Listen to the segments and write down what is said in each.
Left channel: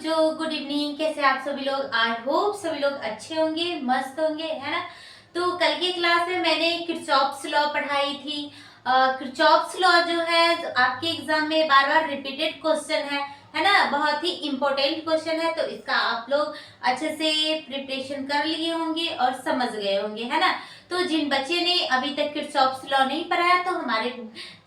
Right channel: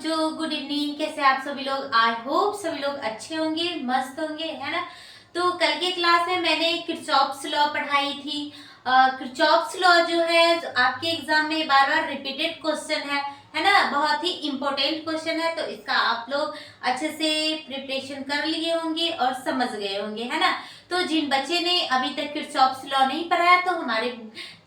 बच्चों, good evening. कैसे आप सभी लोग? आई होप सभी लोग अच्छे होंगे, मस्त होंगे, है ना। तो कल के क्लास में मैंने किरचॉफ्स लॉ पढ़ाई थी। किरचॉफ्स लॉ जो है आपके एग्जाम में बार बार रिपीटेड क्वेश्चन है ना। बहुत ही इंपॉर्टेंट क्वेश्चन है, तो इसका आप लोग अच्छे से प्रिपरेशन कर लिए होंगे और समझ गए होंगे, है ना। तो जिन बच्चे ने अभी तक किरचॉफ्स लॉ नहीं पढ़ा है, तो हमारे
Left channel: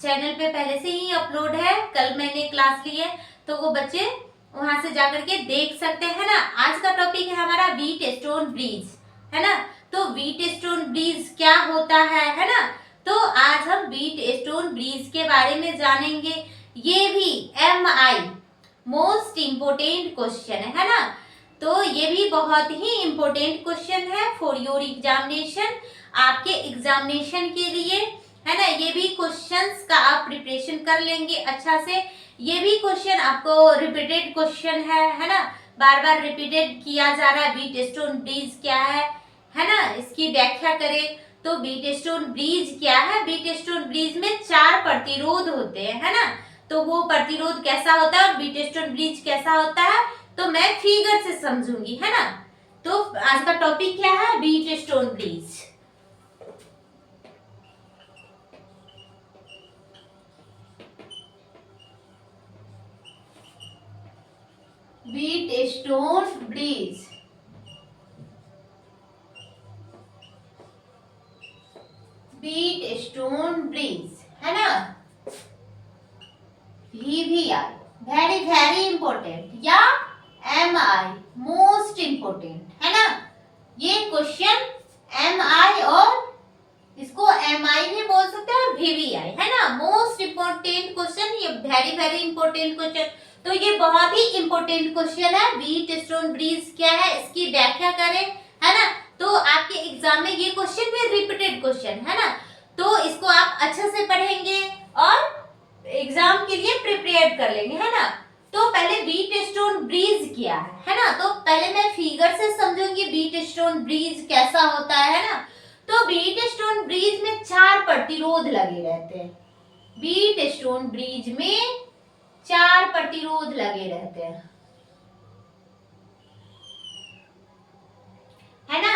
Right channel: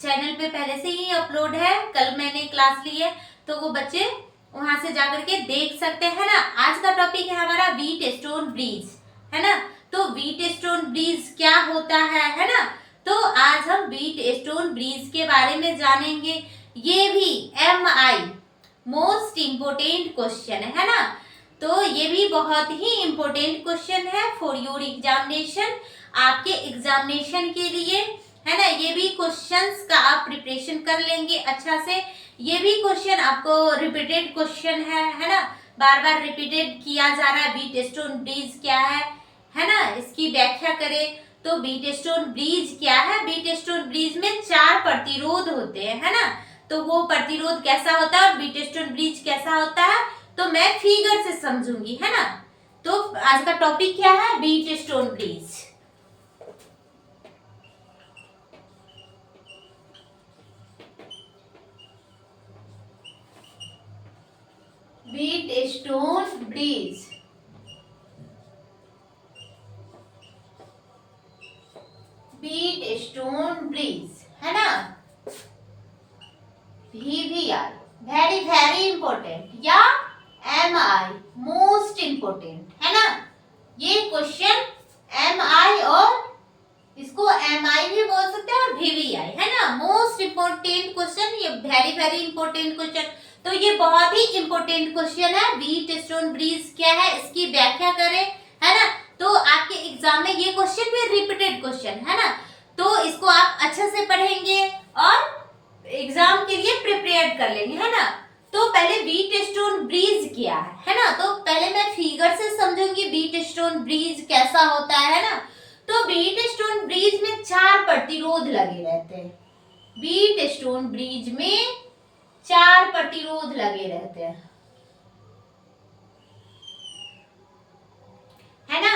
चैनल पे पहले से ही अपलोड है, कल मैंने क्लास ली है, तो वो बच्चे वहां से जाकर के देख सकते हैं ना। आज का टॉपिक है हमारा व्हीट स्टोन ब्रिज, है ना। तो व्हीट स्टोन ब्रिज क्या होता है ना। तो आज हम व्हीट स्टोन ब्रिज के बारे में जानेंगे। ये भी MI मोस्ट इम्पोर्टेंट क्वेश्चन है ना। तो ये भी बहुत ही इम्पोर्टेंट क्वेश्चन है फॉर योर एग्जामिनेशन, आपके एग्जामिनेशन के लिए, है ना। ये भी क्वेश्चंस का आप प्रिपरेशन कर लेंगे अच्छा से। ये भी क्वेश्चन आपको रिपीटेड क्वेश्चन है ना। बार बार रिपीटेड किया जा रहा है व्हीट स्टोन ब्रिज क्या है ना। इसकी व्याख्या करें तो व्हीट स्टोन ब्रिज क्या है। व्हीट स्टोन ब्रिज में 4 प्रतिरोध होते हैं, है ना। तो वो प्रतिरोध कैसा होता है और व्हीट स्टोन ब्रिज कैसा होता है, तो मैं फिगर से समझूंगी, है ना। तो आज का टॉपिक क्या है? Wheat stone bridge. Wheat stone bridge, wheat stone bridge, है ना। VVI वेरी वेरी इंपॉर्टेंट, या MI मोस्ट इंपॉर्टेंट, है ना। ये क्वेश्चन MI और इसको MI भी बोल सकते हैं और VVI, है ना। मोस्ट इंपॉर्टेंट क्वेश्चन, ये वेरी वेरी इंपॉर्टेंट क्वेश्चन। तो ये बहुत ही इंपॉर्टेंट क्वेश्चन है। व्हीट स्टोन ब्रिज क्या है, इसकी व्याख्या करें, है ना। तो आपके एग्जाम में ये क्वेश्चन भी रिपीटेड क्वेश्चन है ना। तो इसको आप अच्छे से पढ़ेंगे और एग्जाम के लिए प्रिपेयर कर लेंगे, है ना। तो पहले व्हीट स्टोन ब्रिज क्या है ना। तो पहले मैं फिगर से समझूंगी व्हीट स्टोन ब्रिज कैसा होता है ना। तो व्हीट स्टोन ब्रिज में 4 प्रतिरोध लगे रहते हैं। व्हीट स्टोन ब्रिज में 4 प्रतिरोध लगे रहते हैं, है ना।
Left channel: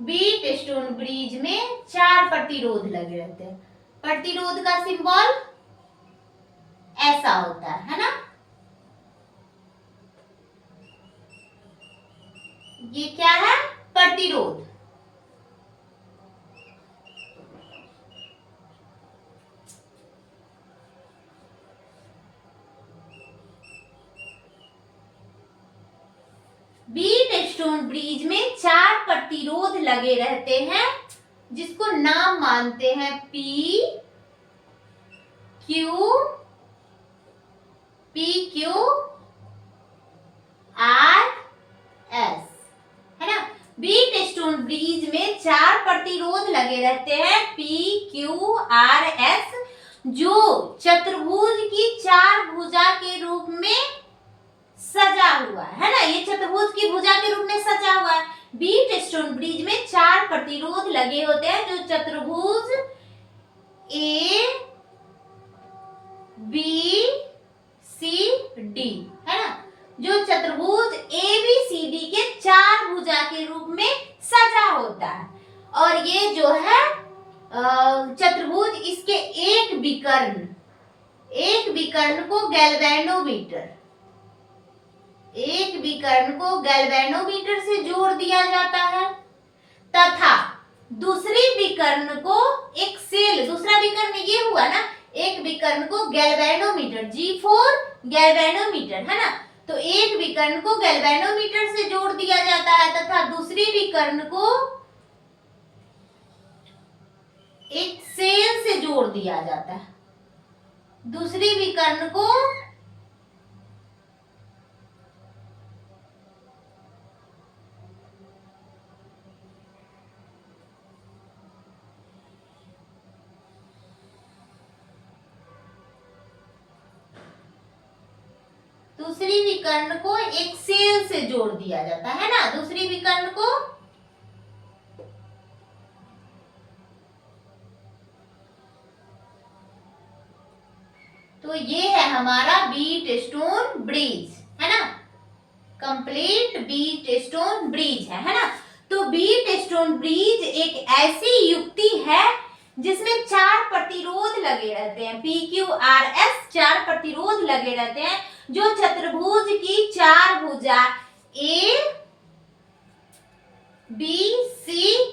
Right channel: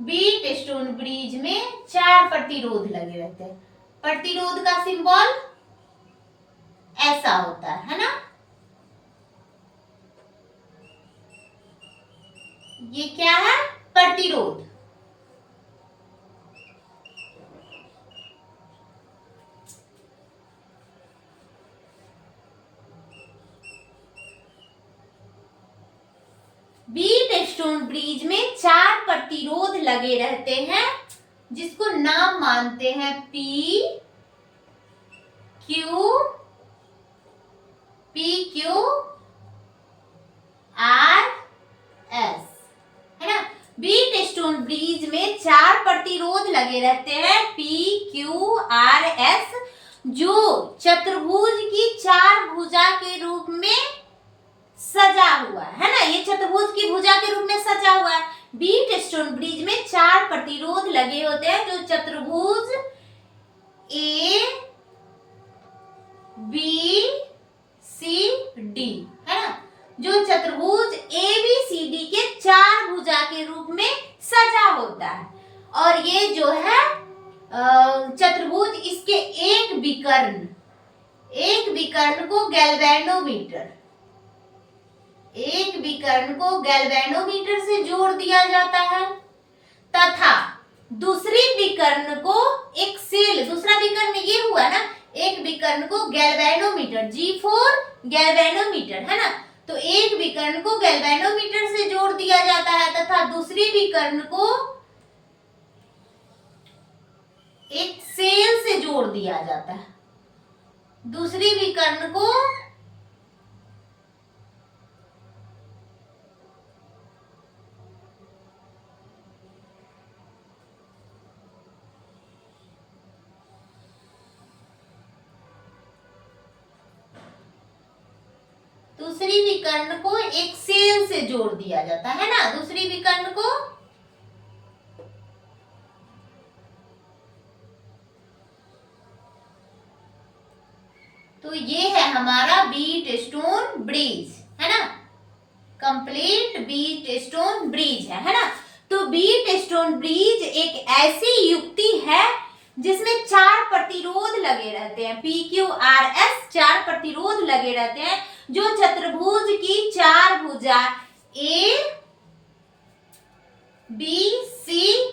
व्हीट स्टोन ब्रिज में 4 प्रतिरोध लगे रहते हैं। प्रतिरोध का सिंबल ऐसा होता है ना। ये क्या है? प्रतिरोध। व्हीट स्टोन ब्रिज में 4 प्रतिरोध लगे रहते हैं, जिसको नाम मानते हैं P Q R S, है ना। व्हीट स्टोन ब्रिज में 4 प्रतिरोध लगे रहते हैं P Q R S, जो चतुर्भुज की 4 भुजा के रूप में सजा हुआ है ना। ये चतुर्भुज की भुजा के रूप में सजा हुआ है। व्हीट स्टोन ब्रिज में 4 प्रतिरोध लगे होते हैं, जो चतुर्भुज A B C D, है ना। जो चतुर्भुज ABCD के 4 भुजा के रूप में सजा होता है। और ये जो है चतुर्भुज, इसके एक विकर्ण को गैल्वेनोमीटर से जोड़ दिया जाता है, तथा दूसरी विकर्ण को एक सेल, दूसरा विकर्ण ये हुआ ना, एक विकर्ण को गैल्वेनोमीटर, G4 गैल्वेनोमीटर, है ना। तो एक विकर्ण को गैल्वेनोमीटर से जोड़ दिया जाता है, तथा दूसरी विकर्ण को एक सेल से जोड़ दिया जाता है। दूसरी विकर्ण को एक सेल से जोड़ दिया जाता है ना। दूसरी विकर्ण को तो ये है हमारा व्हीट स्टोन ब्रिज, है ना। कंप्लीट बीट स्टोन ब्रिज है ना। तो बीट स्टोन ब्रिज एक ऐसी युक्ति है जिसमें 4 प्रतिरोध लगे रहते हैं, PQRS 4 प्रतिरोध लगे रहते हैं, जो चतुर्भुज की 4 भुजा A, B, C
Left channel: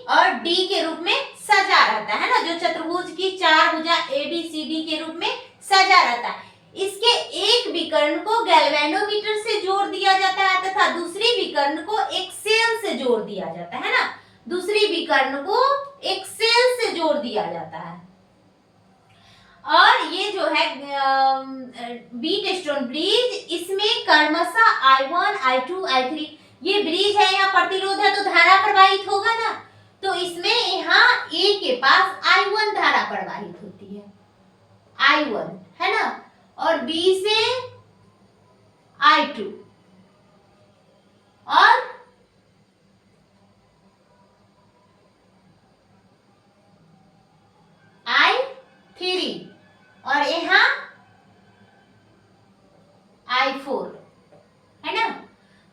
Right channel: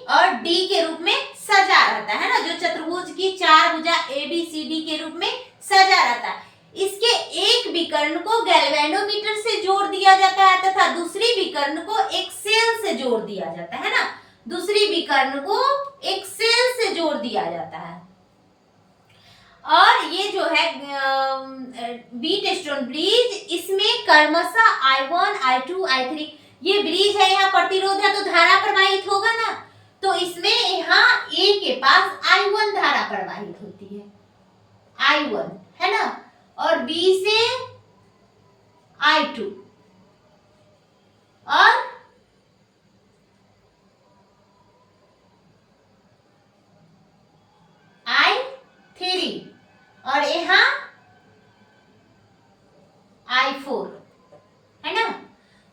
और D के रूप में सजा रहता है ना, जो चतुर्भुज की 4 भुजा A, B, C, D के रूप में सजा रहता है। इसके एक विकर्ण को गैल्वेनोमीटर से जोड़ दिया जाता है तथा दूसरी विकर्ण को एक सेल से जोड़ दिया जाता है ना, दूसरी विकर्ण को एक सेल से जोड़ दिया जाता है। और ये जो है बीट स्टोन ब्रिज, इसमें क्रमशः I1, I2, I3 ये ब्रिज है, यहाँ प्रतिरोध है तो धारा प्रवाहित होगा ना, तो इसमें यहाँ A के पास I1 धारा प्रवाहित होती है, I1 है ना, और B से I2 और I3 और यहाँ I4 है ना।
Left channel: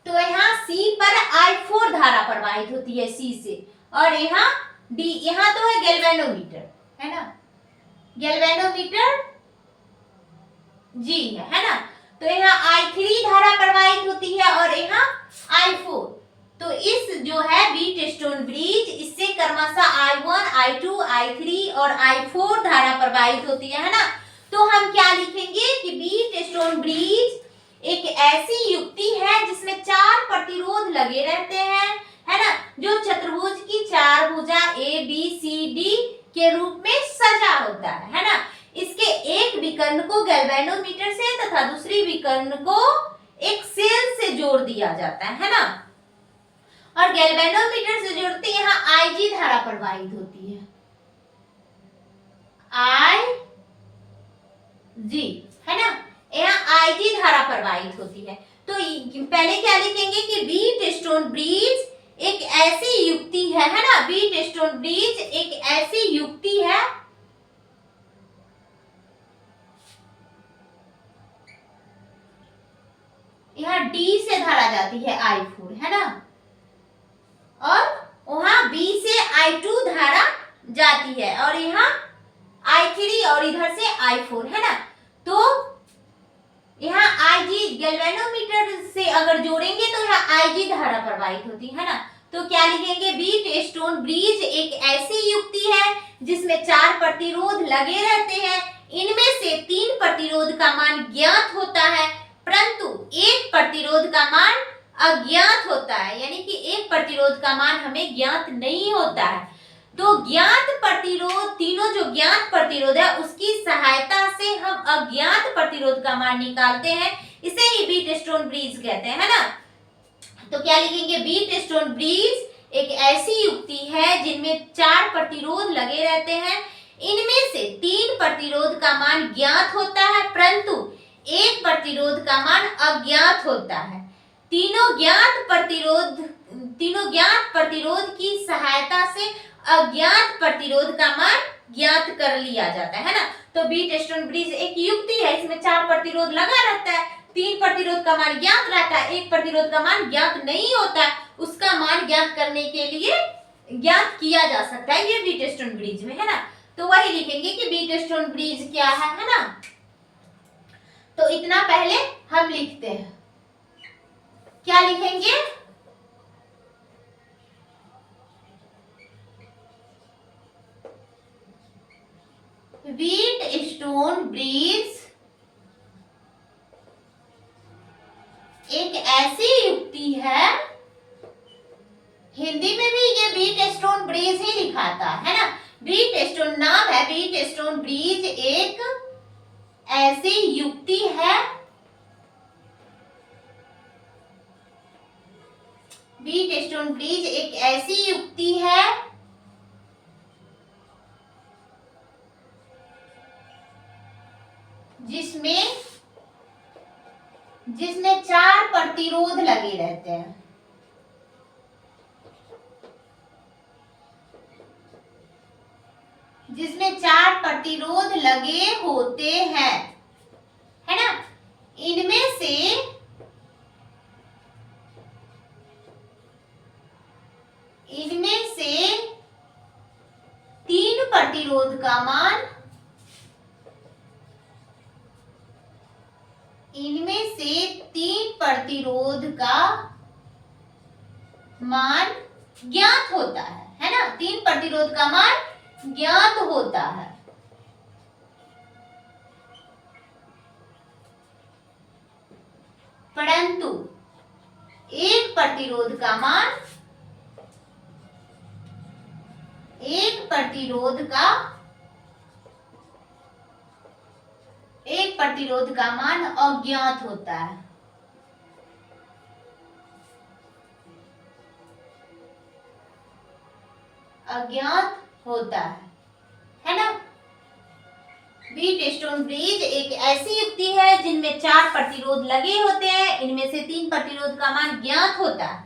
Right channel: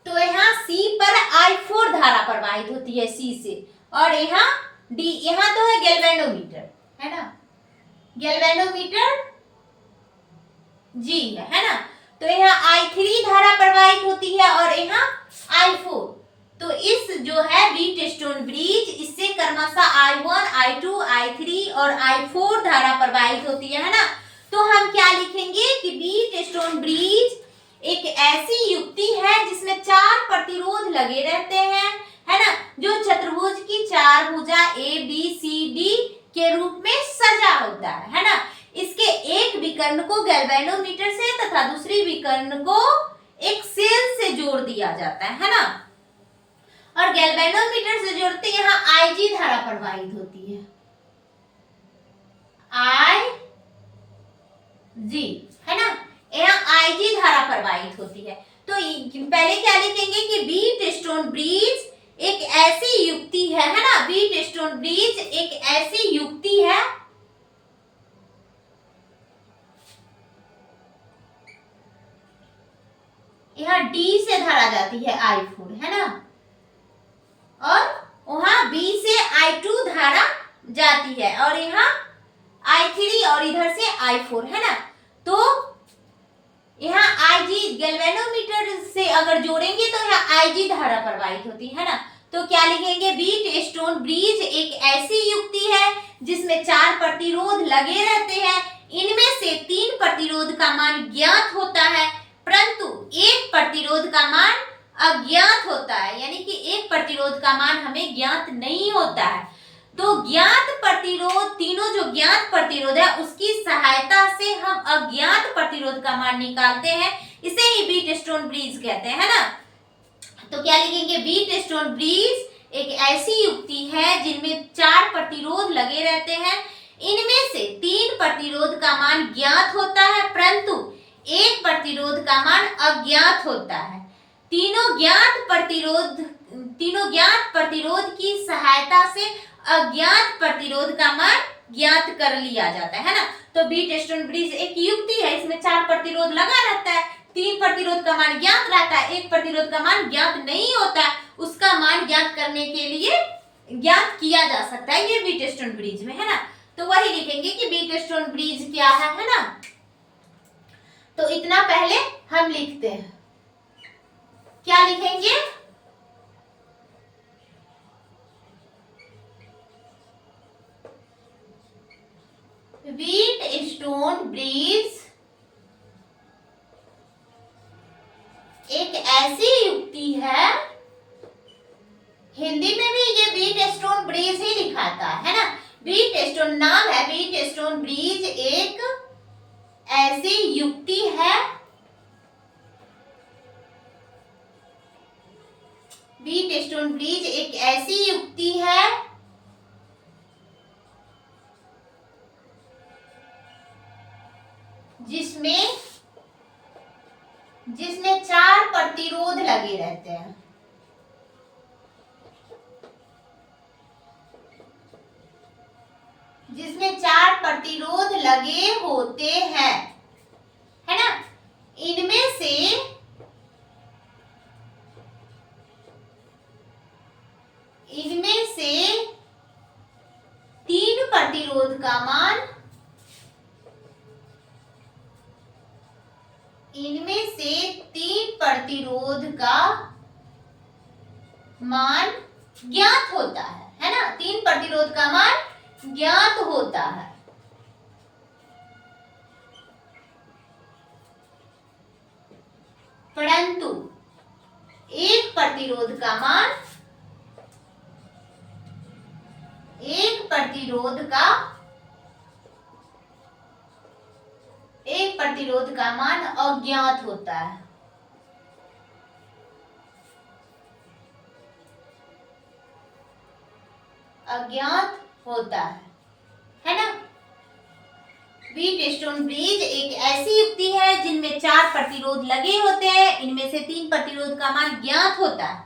तो यहाँ C पर I4 धारा प्रवाहित होती है C से, और यहाँ D, यहाँ तो है गैल्वेनोमीटर है ना, गैल्वेनोमीटर G है ना, तो यहाँ I3 धारा प्रवाहित होती है और यहाँ I4। तो इस जो है बीट स्टोन ब्रिज, इससे क्रमशः I1, I2, I3 और I4 धारा प्रवाहित होती है ना। तो हम क्या लिखेंगे कि बीट स्टोन ब्रिज एक ऐसी युक्ति है जिसमें 4 प्रतिरोध लगे रहते हैं है ना, जो चतुर्भुज की 4 भुजा A, B, C, D के रूप में सजा होता है ना। इसके एक विकर्ण को गैल्वेनोमीटर से तथा दूसरी विकर्ण को एक सेल से जोड़ दिया जाता है ना, और गैल्वेनोमीटर से जोड़ते यहाँ IG धारा प्रवाहित होती है, IG है ना, यहाँ IG धारा प्रवाहित होती है। तो पहले क्या लिखेंगे कि बीट स्टोन ब्रिज एक ऐसी युक्ति है ना, बीट स्टोन ब्रिज एक ऐसी युक्ति है यहाँ D से धारा जाती है I4 है ना, और वहां B से I2 धारा जाती है, और यहाँ I3 और इधर से I4 है ना। तो यहाँ IG गैल्वेनोमीटर से अगर जोड़ेंगे तो यहाँ IG धारा प्रवाहित होती है ना। तो क्या लिखेंगे, बीट स्टोन ब्रिज एक ऐसी युक्ति है जिसमें 4 प्रतिरोध लगे रहते हैं, इनमें से 3 प्रतिरोध का मान ज्ञात होता है परंतु एक प्रतिरोध का मान अज्ञात होता है, यानी कि एक प्रतिरोध का मान हमें ज्ञात नहीं होता है। तो ज्ञात प्रतिरोध, तीनों जो ज्ञात प्रतिरोध है उसकी सहायता से हम अज्ञात प्रतिरोध का मान निकालते हैं, इसे ही बीट स्टोन ब्रिज कहते हैं ना। तो क्या लिखेंगे, बीट स्टोन ब्रिज एक ऐसी युक्ति है जिनमें 4 प्रतिरोध लगे रहते हैं, इनमें से 3 प्रतिरोध का मान ज्ञात होता है परंतु एक प्रतिरोध का मान अज्ञात होता है। तीनों ज्ञात प्रतिरोध की सहायता से अज्ञात प्रतिरोध का मान ज्ञात कर लिया जाता है ना। तो बीट स्टोन ब्रिज एक युक्ति है, इसमें 4 प्रतिरोध लगा रहता है, 3 प्रतिरोध का मान ज्ञात रहता है, एक प्रतिरोध का मान ज्ञात नहीं होता है, उसका मान ज्ञात करने के लिए ज्ञात किया जा सकता है, ये बीट स्टोन ब्रिज में है ना। तो वही लिखेंगे कि बीट स्टोन ब्रिज क्या है ना। तो इतना पहले हम लिखते हैं, क्या लिखेंगे, बीट स्टोन ब्रिज एक ऐसी युक्ति है, हिंदी में भी ये बीट स्टोन ब्रिज ही लिखाता है ना, बीट स्टोन नाम है, बीट स्टोन ब्रिज एक ऐसी युक्ति है, बीट स्टोन ब्रिज एक ऐसी युक्ति है जिसमें 4 प्रतिरोध लगे रहते हैं, जिसमें 4 प्रतिरोध लगे होते हैं है ना। इनमें से प्रतिरोध का मान, इनमें से 3 प्रतिरोध का मान ज्ञात होता है ना, 3 प्रतिरोध का मान ज्ञात होता है। परंतु एक प्रतिरोध का मान, एक प्रतिरोध का मान अज्ञात होता है। अज्ञात होता है ना। व्हीटस्टोन ब्रिज एक ऐसी युक्ति है जिनमें 4 प्रतिरोध लगे होते हैं, इनमें से 3 प्रतिरोध का मान ज्ञात होता है,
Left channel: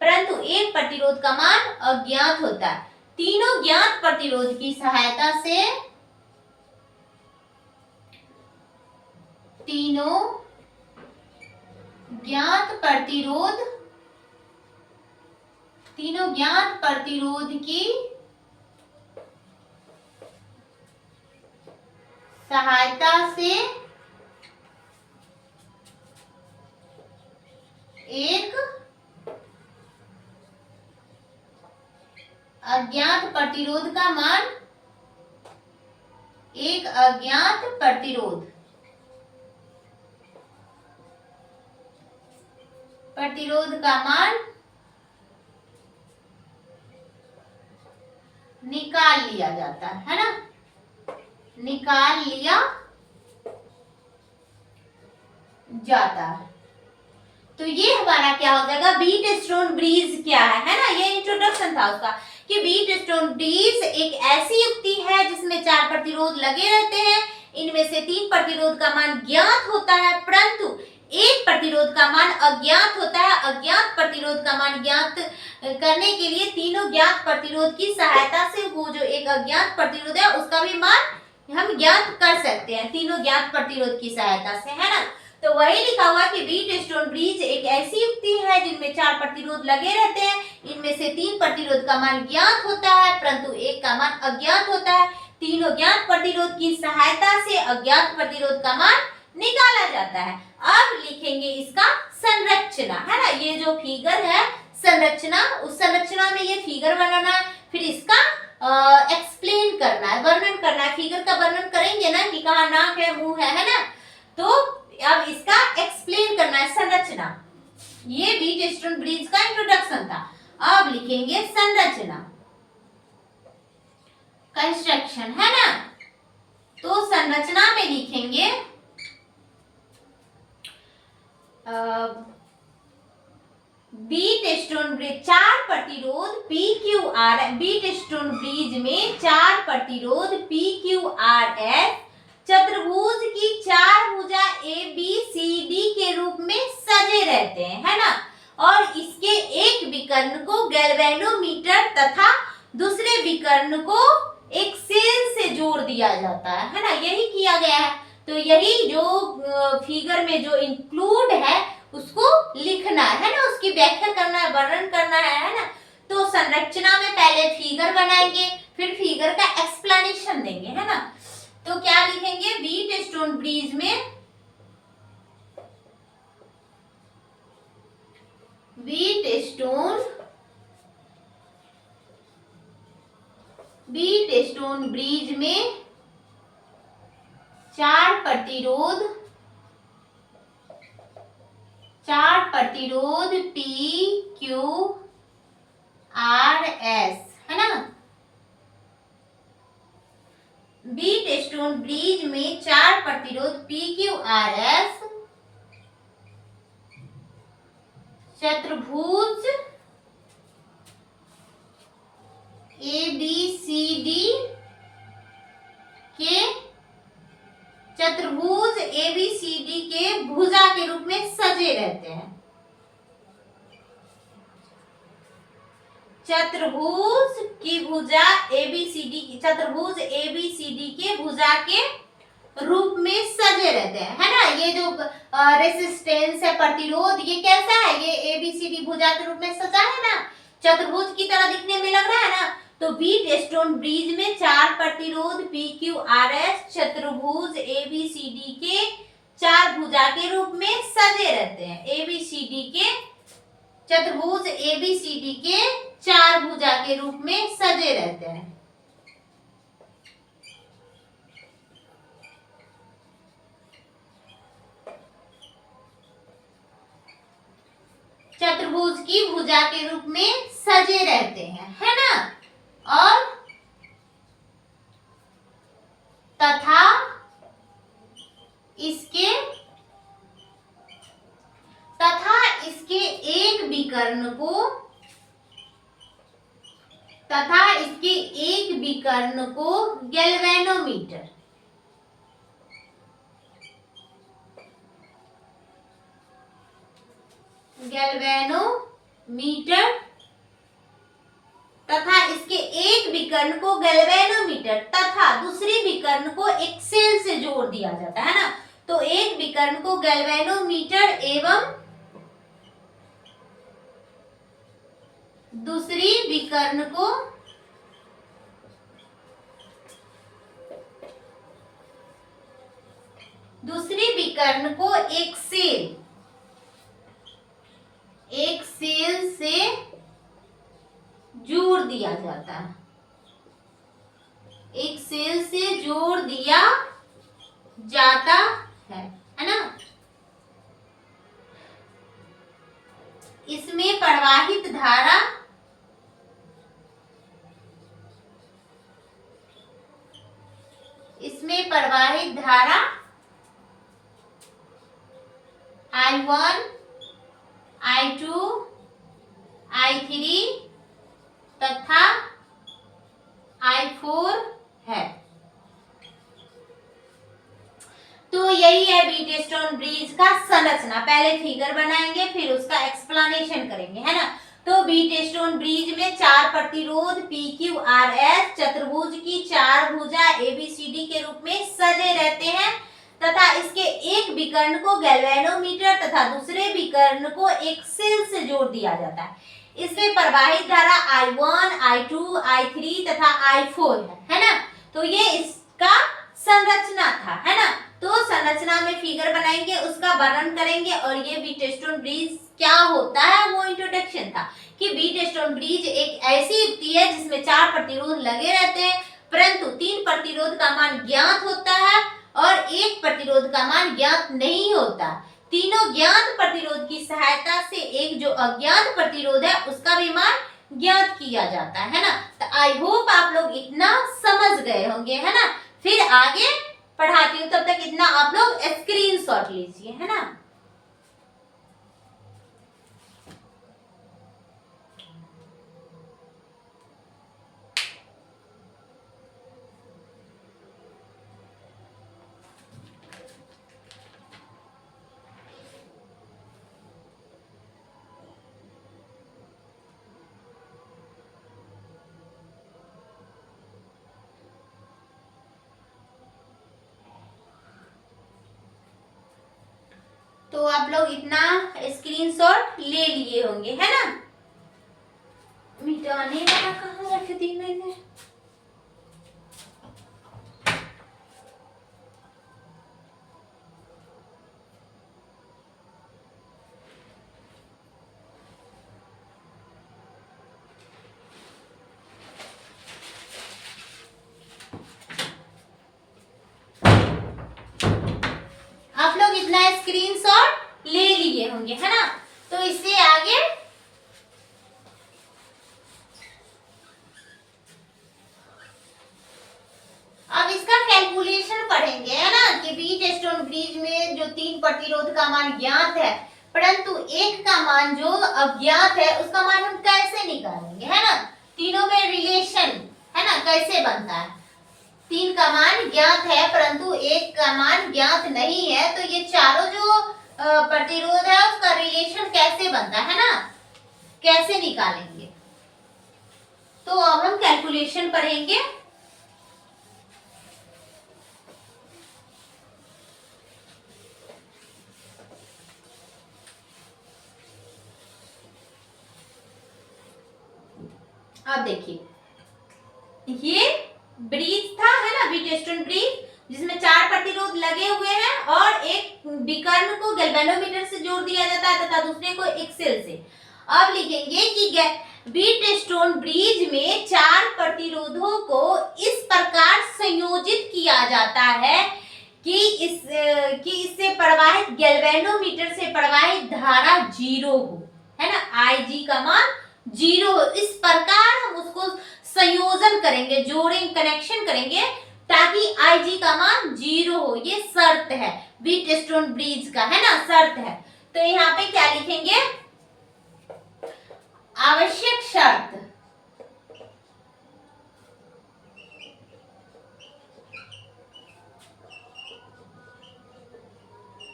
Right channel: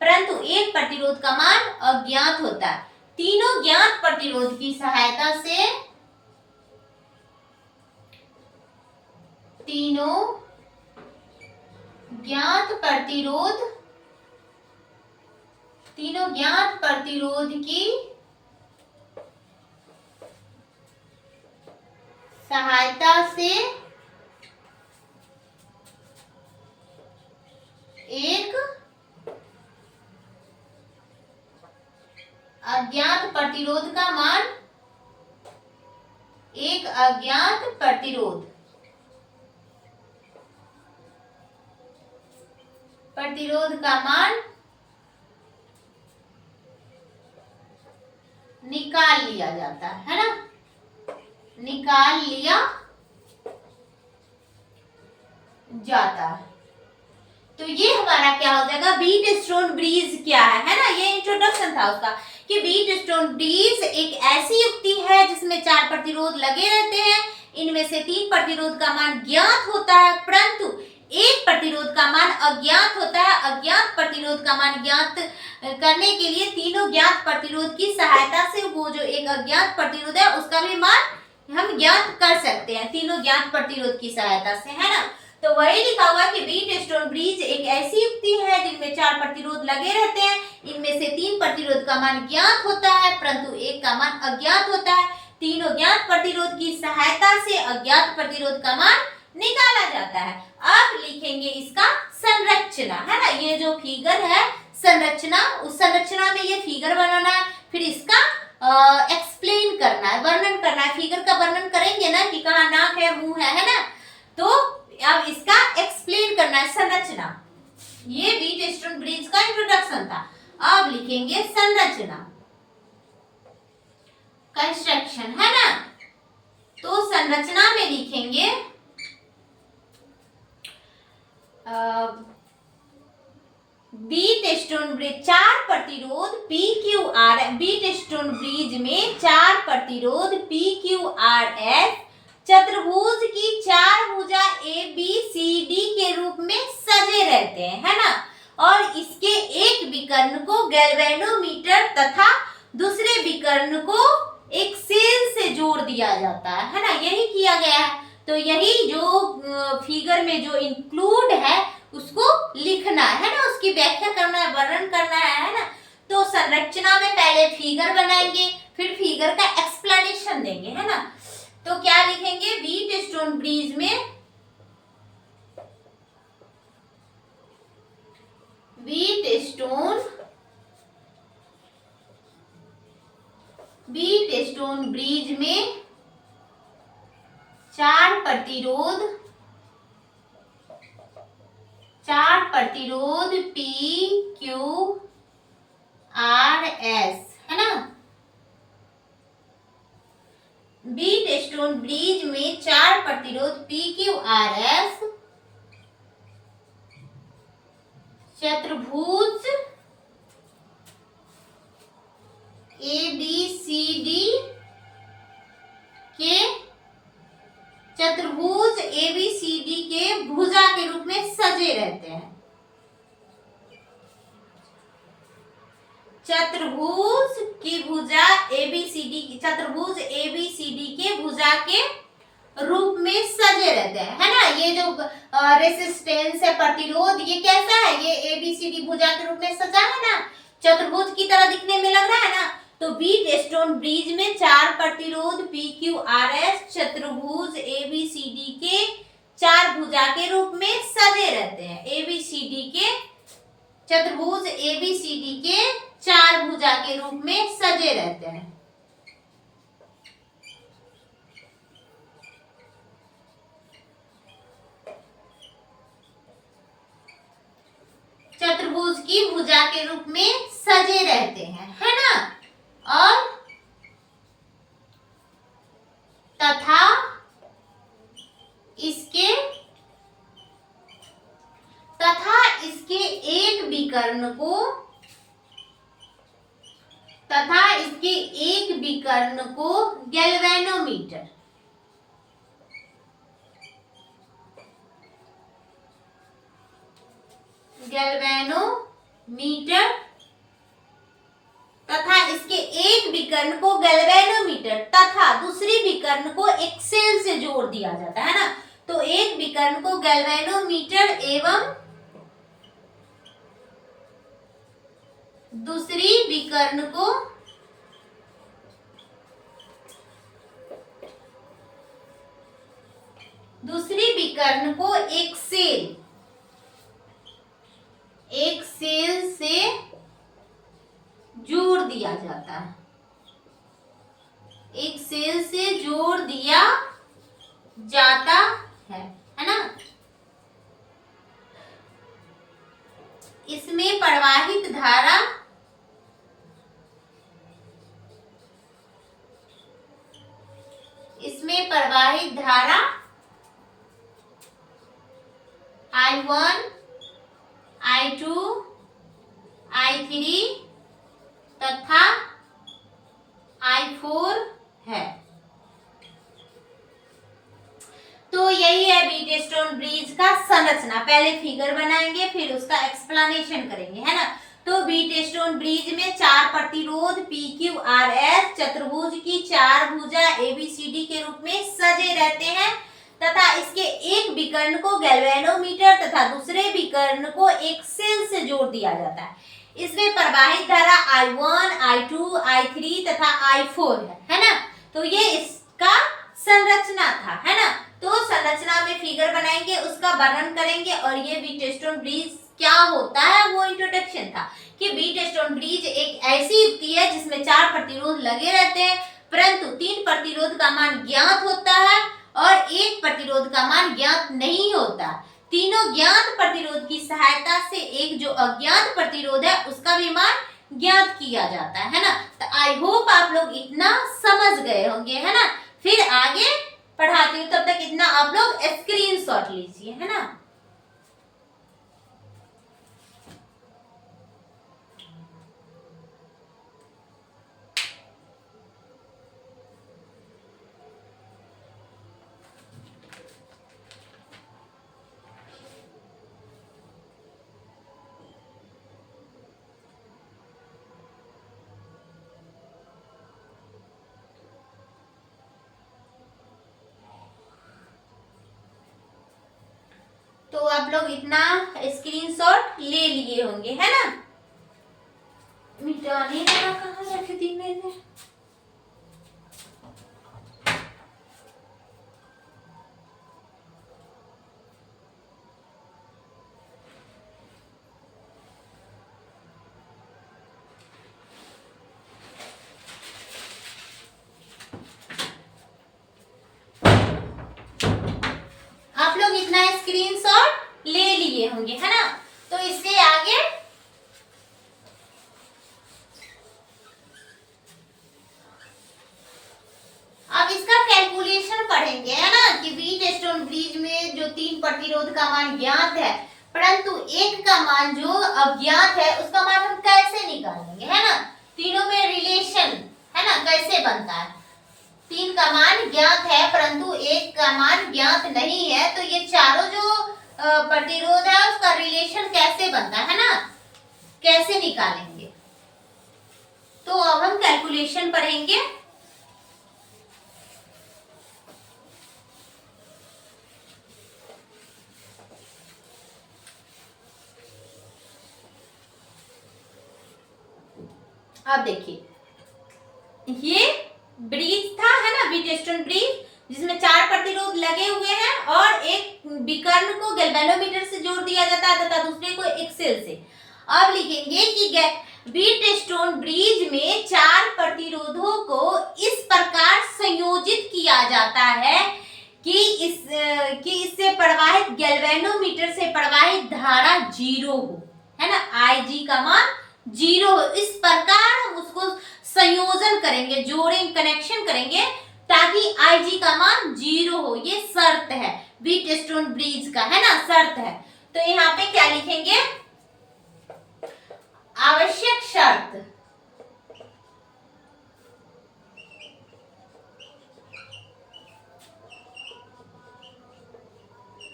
परंतु एक प्रतिरोध का मान अज्ञात होता है। तीनों ज्ञात प्रतिरोध की सहायता से, तीनों ज्ञात प्रतिरोध की सहायता से एक अज्ञात प्रतिरोध का मान, एक अज्ञात प्रतिरोध का मान निकाल लिया जाता है ना, निकाल लिया जाता है। तो ये हमारा क्या हो जाएगा, व्हीटस्टोन ब्रिज क्या है ना, ये इंट्रोडक्शन था उसका कि व्हीटस्टोन ब्रिज एक ऐसी युक्ति है जिसमें 4 प्रतिरोध लगे रहते हैं, इनमें से 3 प्रतिरोध का मान ज्ञात होता है, परंतु एक प्रतिरोध का मान अज्ञात होता है। अज्ञात प्रतिरोध का मान ज्ञात करने के लिए तीनों ज्ञात प्रतिरोध की सहायता से वो जो एक अज्ञात प्रतिरोध है उसका भी मान हम ज्ञात कर सकते हैं, तीनों ज्ञात प्रतिरोध की सहायता से, है ना। तो वही लिखा हुआ कि व्हीटस्टोन ब्रिज एक ऐसी युक्ति है जिनमें 4 प्रतिरोध लगे रहते हैं, इनमें से 3 प्रतिरोध का मान ज्ञात होता है, परंतु एक का मान अज्ञात होता है। तीनों ज्ञात प्रतिरोध की सहायता से अज्ञात प्रतिरोध का मान निकाला जाता है। अब लिखेंगे इसका संरचना, है ना, ये जो फिगर है संरचना, उस संरचना में ये फिगर बनाना है, फिर इसका एक्सप्लेन करना है, वर्णन करना है। फिगर का वर्णन करेंगे ना कि कहाँ नाक है, मुंह है ना, तो अब इसका एक्सप्लेन करना है संरचना। ये व्हीटस्टोन ब्रिज का इंट्रोडक्शन था। अब लिखेंगे संरचना, कंस्ट्रक्शन, है ना। तो संरचना में लिखेंगे व्हीटस्टोन ब्रिज 4 प्रतिरोध PQR, व्हीटस्टोन ब्रिज में 4 प्रतिरोध PQRS चतुर्भुज की 4 भुजा ABCD के रूप में सजे रहते हैं, है ना। और इसके एक विकर्ण को गैल्वेनोमीटर तथा दूसरे विकर्ण को एक सेल से जोड़ दिया जाता है ना, यही किया गया है। तो यही जो फिगर में जो इंक्लूड है उसको लिखना है ना, उसकी व्याख्या करना है, वर्णन करना है ना। तो संरचना में पहले फिगर बनाएंगे, फिर फिगर का एक्सप्लेनेशन देंगे, है ना। तो क्या लिखेंगे, व्हीटस्टोन ब्रिज में व्हीटस्टोन ब्रिज में 4 प्रतिरोध PQRS, है ना। व्हीटस्टोन ब्रिज में 4 प्रतिरोध PQRS चतुर्भुज ABCD के भुजा के रूप में सजे रहते हैं। चतुर्भुज की भुजा चतुर्भुज ABCD के भुजा के रूप में सजे रहते हैं, है ना। ये जो रेसिस्टेंस है, प्रतिरोध, ये कैसा है, ये ABCD भुजा के रूप में सजा है ना, चतुर्भुज की तरह दिखने में लग रहा है ना। तो बीट स्टोन ब्रिज में चार प्रतिरोध PQRS चतुर्भुज ABCD के चार भुजा के रूप में सजे रहते हैं। ABCD के चतुर्भुज ABCD के चार भुजा के रूप में सजे रहते हैं। चतुर्भुज की भुजा के रूप में सजे रहते हैं, है ना। और तथा इसके एक विकर्ण को गैल्वेनोमीटर तथा इसके एक विकर्ण को गैल्वेनोमीटर तथा दूसरी विकर्ण को एक्सेल से जोड़ दिया जाता है ना। तो एक विकर्ण को गैल्वेनोमीटर एवं दूसरी विकर्ण को एक्सेल से जोड़ दिया जाता है। एक्सेल से जोड़ दिया जाता है ना। इसमें प्रवाहित धारा I1, I2, I3 तथा I4 है। तो यही है बीट स्टोन ब्रिज का संरचना। पहले फिगर बनाएंगे फिर उसका एक्सप्लेनेशन करेंगे, है ना। तो बीट स्टोन ब्रिज में चार प्रतिरोध PQRS चतुर्भुज की चार भुजा ABCD के रूप में सजे रहते हैं तथा इसके एक विकर्ण को गैल्वेनोमीटर तथा दूसरे विकर्ण को एक्सेल से जोड़ दिया जाता है। इसमें प्रवाहित धारा I1, I2, I3 तथा I4 है ना। तो ये इसका संरचना था, है ना। तो संरचना में फिगर बनाएंगे, उसका वर्णन करेंगे और ये बीट स्टोन ब्रिज क्या होता है वो इंट्रोडक्शन था कि बीट स्टोन ब्रिज एक ऐसी युक्ति है जिसमें चार प्रतिरोध लगे रहते हैं परंतु तीन प्रतिरोध का मान ज्ञात होता है और एक प्रतिरोध का मान ज्ञात नहीं होता। तीनों ज्ञात प्रतिरोध की सहायता से एक जो अज्ञात प्रतिरोध है उसका भी मान ज्ञात किया जाता है ना। तो आई होप आप लोग इतना समझ गए होंगे, है ना। फिर आगे पढ़ाती हूँ, तब तक इतना आप लोग स्क्रीनशॉट लीजिए, है ना। तो आप लोग इतना स्क्रीनशॉट ले लिए होंगे, है ना। मिटाने वाला कहाँ रख दी मैंने। आप लोग इतना स्क्रीनशॉट ले लिए होंगे, है ना। तो इससे आगे अब इसका कैलकुलेशन पढ़ेंगे, है ना, कि बीट स्टोन ब्रिज में जो तीन प्रतिरोध का मान ज्ञात है परंतु एक का मान जो अज्ञात है उसका मान हम कैसे निकालेंगे, है ना। तीनों में रिलेशन, है ना, कैसे बनता है। तीन का मान ज्ञात है परंतु एक का मान ज्ञात नहीं है, तो ये चारों जो प्रतिरोध है उसका रिलेशन कैसे बनता है ना, कैसे निकालेंगे। तो अब हम कैलकुलेशन पढ़ेंगे। अब देखिए ये ब्रिज था, है ना, व्हीटस्टोन ब्रिज, जिसमें 4 प्रतिरोध लगे हुए हैं और एक विकर्ण को गैल्वेनोमीटर से जोड़ दिया जाता है तथा दूसरे को एक सेल से। अब लिखेंगे कि व्हीटस्टोन ब्रिज में 4 प्रतिरोधों को इस प्रकार संयोजित किया जाता है कि इससे प्रवाहित गैल्वेनोमीटर से प्रवाहित धारा 0 हो, है ना, Ig का मान 0 हो। इस प्रकार हम उसको संयोजन करेंगे, जोड़ेंगे, कनेक्शन करेंगे ताकि Ig का मान 0 हो। ये शर्त है व्हीटस्टोन ब्रिज का, है ना, शर्त है। तो यहाँ पे क्या लिखेंगे, आवश्यक शर्त,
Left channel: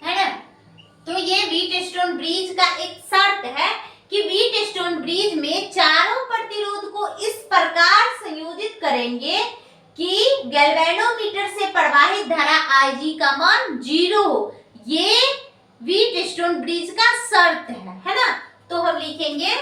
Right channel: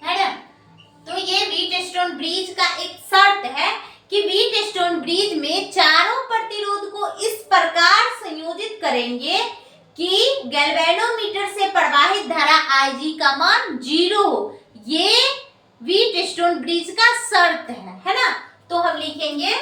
है ना। तो ये व्हीटस्टोन ब्रिज का एक शर्त है कि व्हीटस्टोन ब्रिज में चारों प्रतिरोध को इस प्रकार संयोजित करेंगे कि गैल्वेनोमीटर से प्रवाहित धारा Ig का मान 0 हो। ये व्हीटस्टोन ब्रिज का शर्त है ना। तो हम लिखेंगे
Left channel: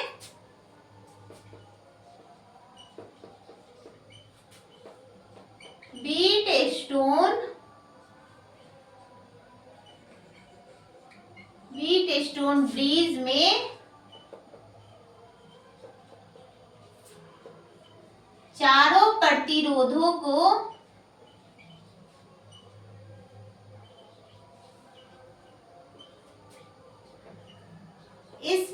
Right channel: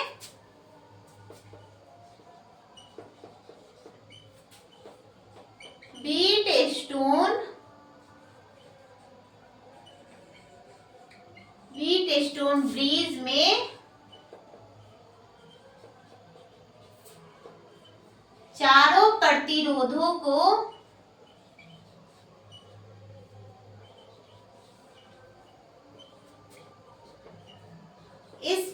व्हीटस्टोन ब्रिज में चारों प्रतिरोधों को इस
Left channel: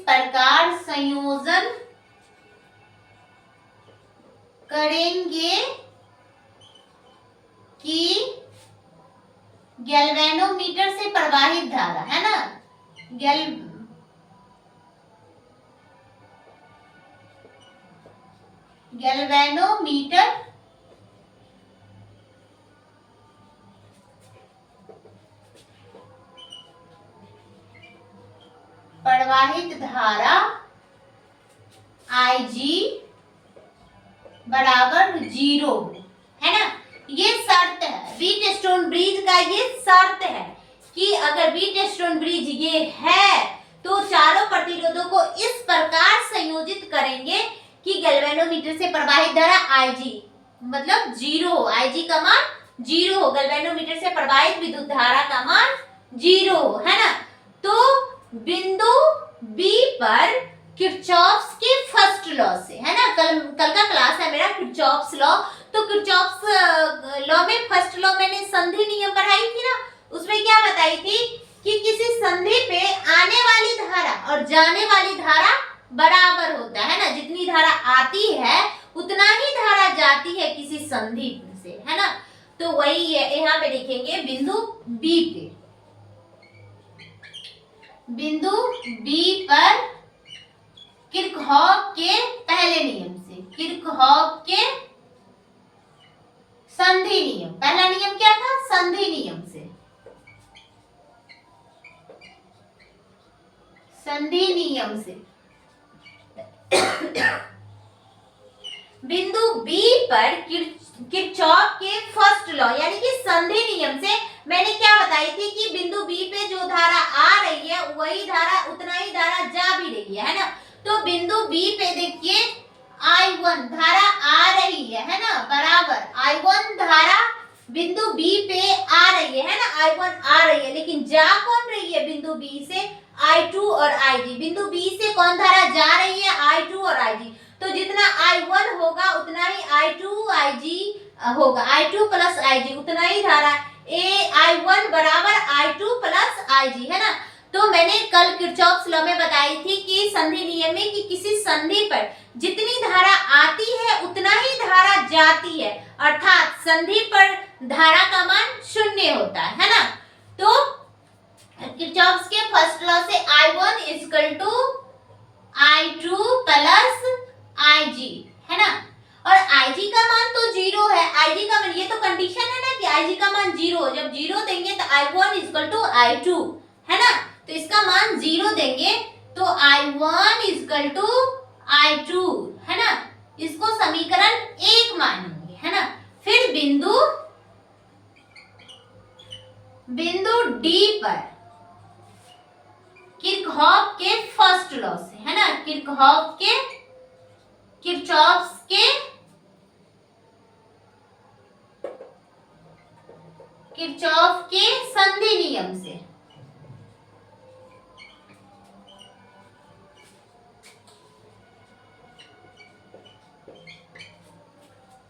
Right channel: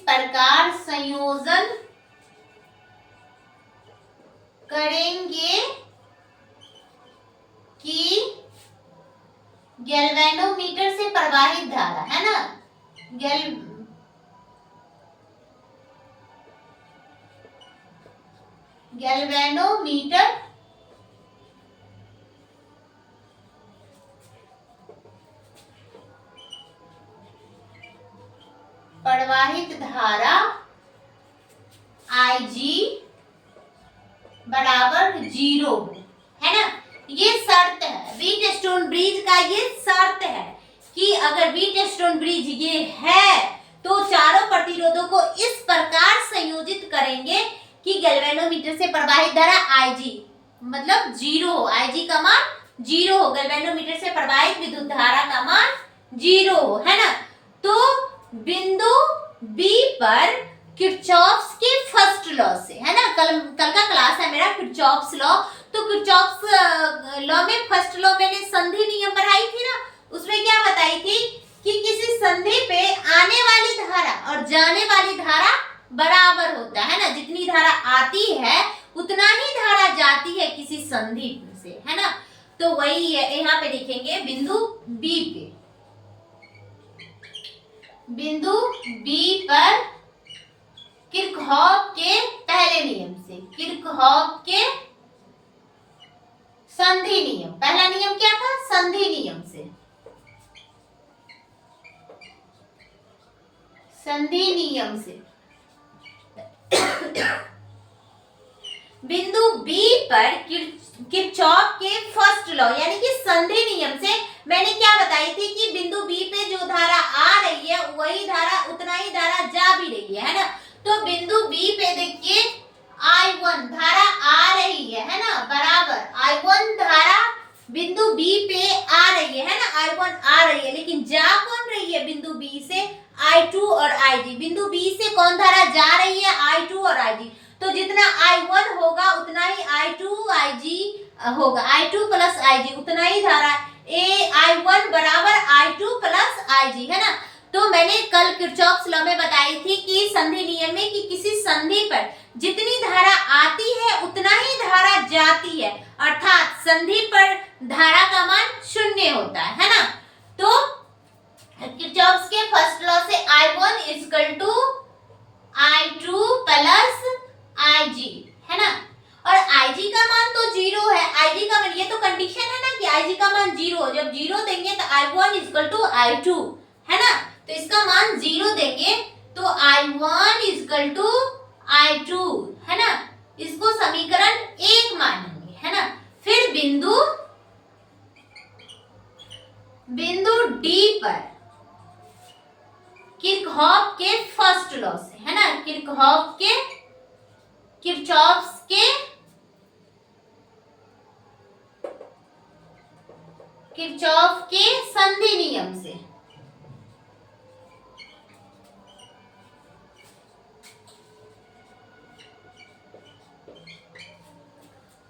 प्रकार संयोजन करेंगे कि गैल्वेनोमीटर से प्रवाहित धारा, है ना, गैल्वेनोमीटर प्रवाहित धारा Ig बराबर 0, है ना। ये शर्त है व्हीटस्टोन ब्रिज का, ये शर्त है कि अगर व्हीटस्टोन ब्रिज ये है तो चारों प्रतिरोधों को इस प्रकार संयोजित करेंगे कि गैल्वेनोमीटर से प्रवाहित धारा Ig मतलब 0 हो, Ig का मान 0 हो, गैल्वेनोमीटर से प्रवाहित विद्युत धारा का मान 0 हो, है ना। तो बिंदु B पर किरचॉफ्स के फर्स्ट लॉ से, है ना, कल का क्लास है मेरा किरचॉफ्स लॉ। तो किरचॉफ्स लॉ में फर्स्ट लॉ मैंने संधि नियम पढ़ाई थी ना, उसमें क्या बताई थी कि किसी संधि पे आने वाली धारा और जाने वाली धारा बराबर होता है ना, जितनी धारा आती है उतना ही धारा जाती है किसी संधि से, है ना। तो वही यहाँ पे लिखेंगे बिंदु B पर किरचॉफ के पहले नियम से, किरचॉफ के संधि नियम, पहला नियम क्या था, संधि नियम से, संधि नियम से बिंदु B पर किरचॉफ के फर्स्ट लॉ यानी कि संधि नियम से मैंने क्या बताई थी कि बिंदु B पे जो धारा आ रही है वही धारा उतना ही धारा जा भी रही है ना। तो बिंदु B पे देखिए I1 धारा आ रही है ना, बराबर I1 धारा बिंदु B पे आ रही है ना, I1 आ रही है, लेकिन जा कौन रही है बिंदु B से, I2 और Ig। बिंदु B से कौन धारा जा रही है, I2 और Ig। तो जितना I1 होगा उतना ही I2 Ig होगा, I2 प्लस Ig उतना ही धारा I1 बराबर I2 प्लस Ig, है ना। तो मैंने कल किरचॉफ्स लॉ में बताई थी कि संधि नियम में कि किसी संधि पर जितनी धारा आती है उतना ही धारा जाती है, अर्थात संधि पर धारा का मान 0 होता है ना। तो किरचॉफ्स के फर्स्ट लॉ से I1 equal to I2 plus Ig, है ना। और Ig का मान तो 0 है, Ig का मान, ये तो कंडीशन है ना कि Ig का मान 0, जब 0 देंगे तो I1 इक्वल टू I2, है ना। तो इसका मान 0 देंगे तो I1 इक्वल टू I2, है ना। इसको समीकरण 1 मानेंगे, है ना। फिर बिंदु D पर किरचॉफ के लॉ से, है ना, किरचॉफ्स के संधि नियम से।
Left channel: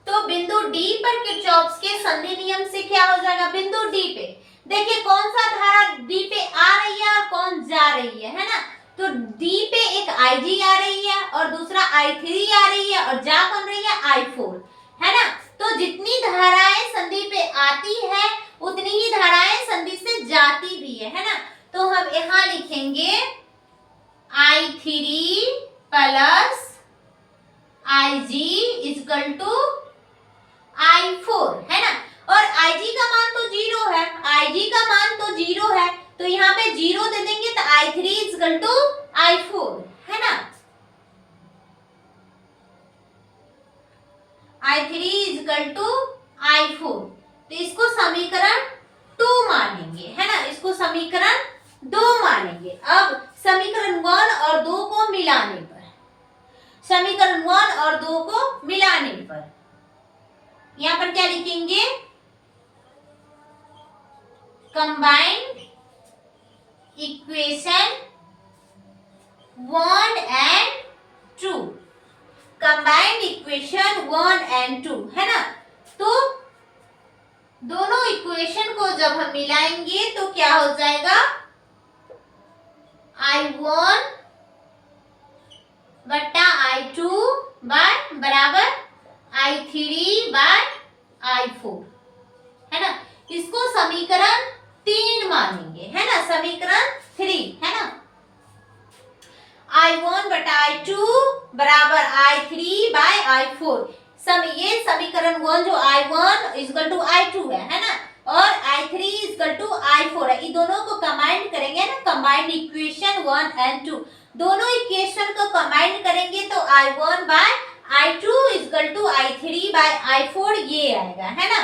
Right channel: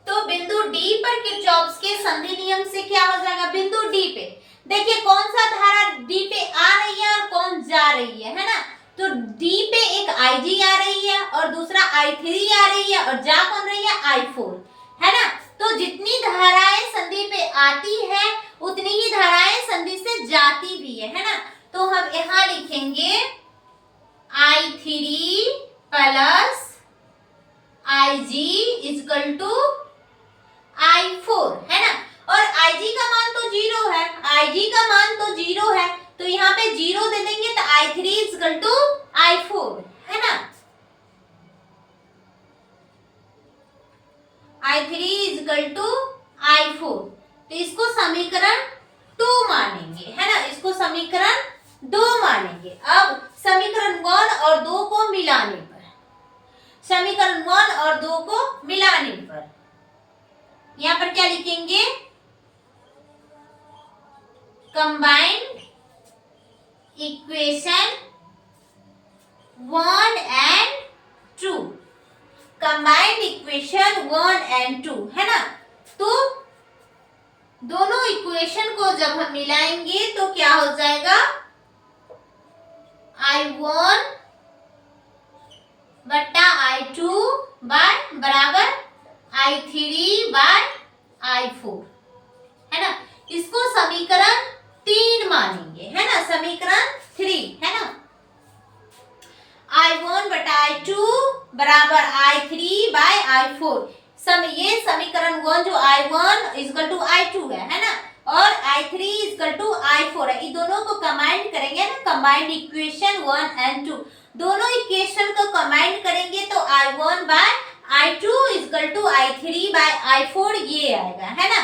तो बिंदु डी पर किरचॉफ्स के संधि नियम से क्या हो जाएगा, बिंदु डी पे देखिए कौन सा धारा डी पे आ रही है और कौन जा रही है ना। तो डी पे एक IG आ रही है और दूसरा I3 आ रही है और जा कौन रही है, I4, है ना। तो जितनी धाराएं संधि पे आती है उतनी ही धाराएं संधि से जाती भी है ना। तो हम यहां लिखेंगे I3 plus IG equal to I4, है ना। और IG का मान तो 0 है, IG का मान तो 0 है, तो यहाँ पे 0 दे देंगे तो I3 इक्वल टू I4, है ना। I3 इक्वल टू I4, तो इसको समीकरण 2 मानेंगे, है ना, इसको समीकरण 2 मानेंगे। अब समीकरण 1 और 2 को मिलाने पर, समीकरण 1 और 2 को मिलाने पर यहाँ पर क्या लिखेंगे, combined equation 1 and 2, combined equation 1 and 2, है ना। तो दोनों इक्वेशन को जब हम मिलाएंगे तो क्या हो जाएगा, I1 बट्टा I2 बराबर I3 बाय I4, है ना। इसको समीकरण 3 मानेंगे, है ना, समीकरण 3, है ना। I1 बटा I2 बराबर I3 बाय I4, ये समीकरण 1 जो I1 इक्वल टू I2 है ना, और I3 इक्वल टू I4 है। इन दोनों को कंबाइन करेंगे ना, कंबाइंड इक्वेशन 1 एंड 2, दोनों इक्वेशन को कंबाइन करेंगे तो I1 bye I2 equal to I3 bye I4 ये आएगा, है ना।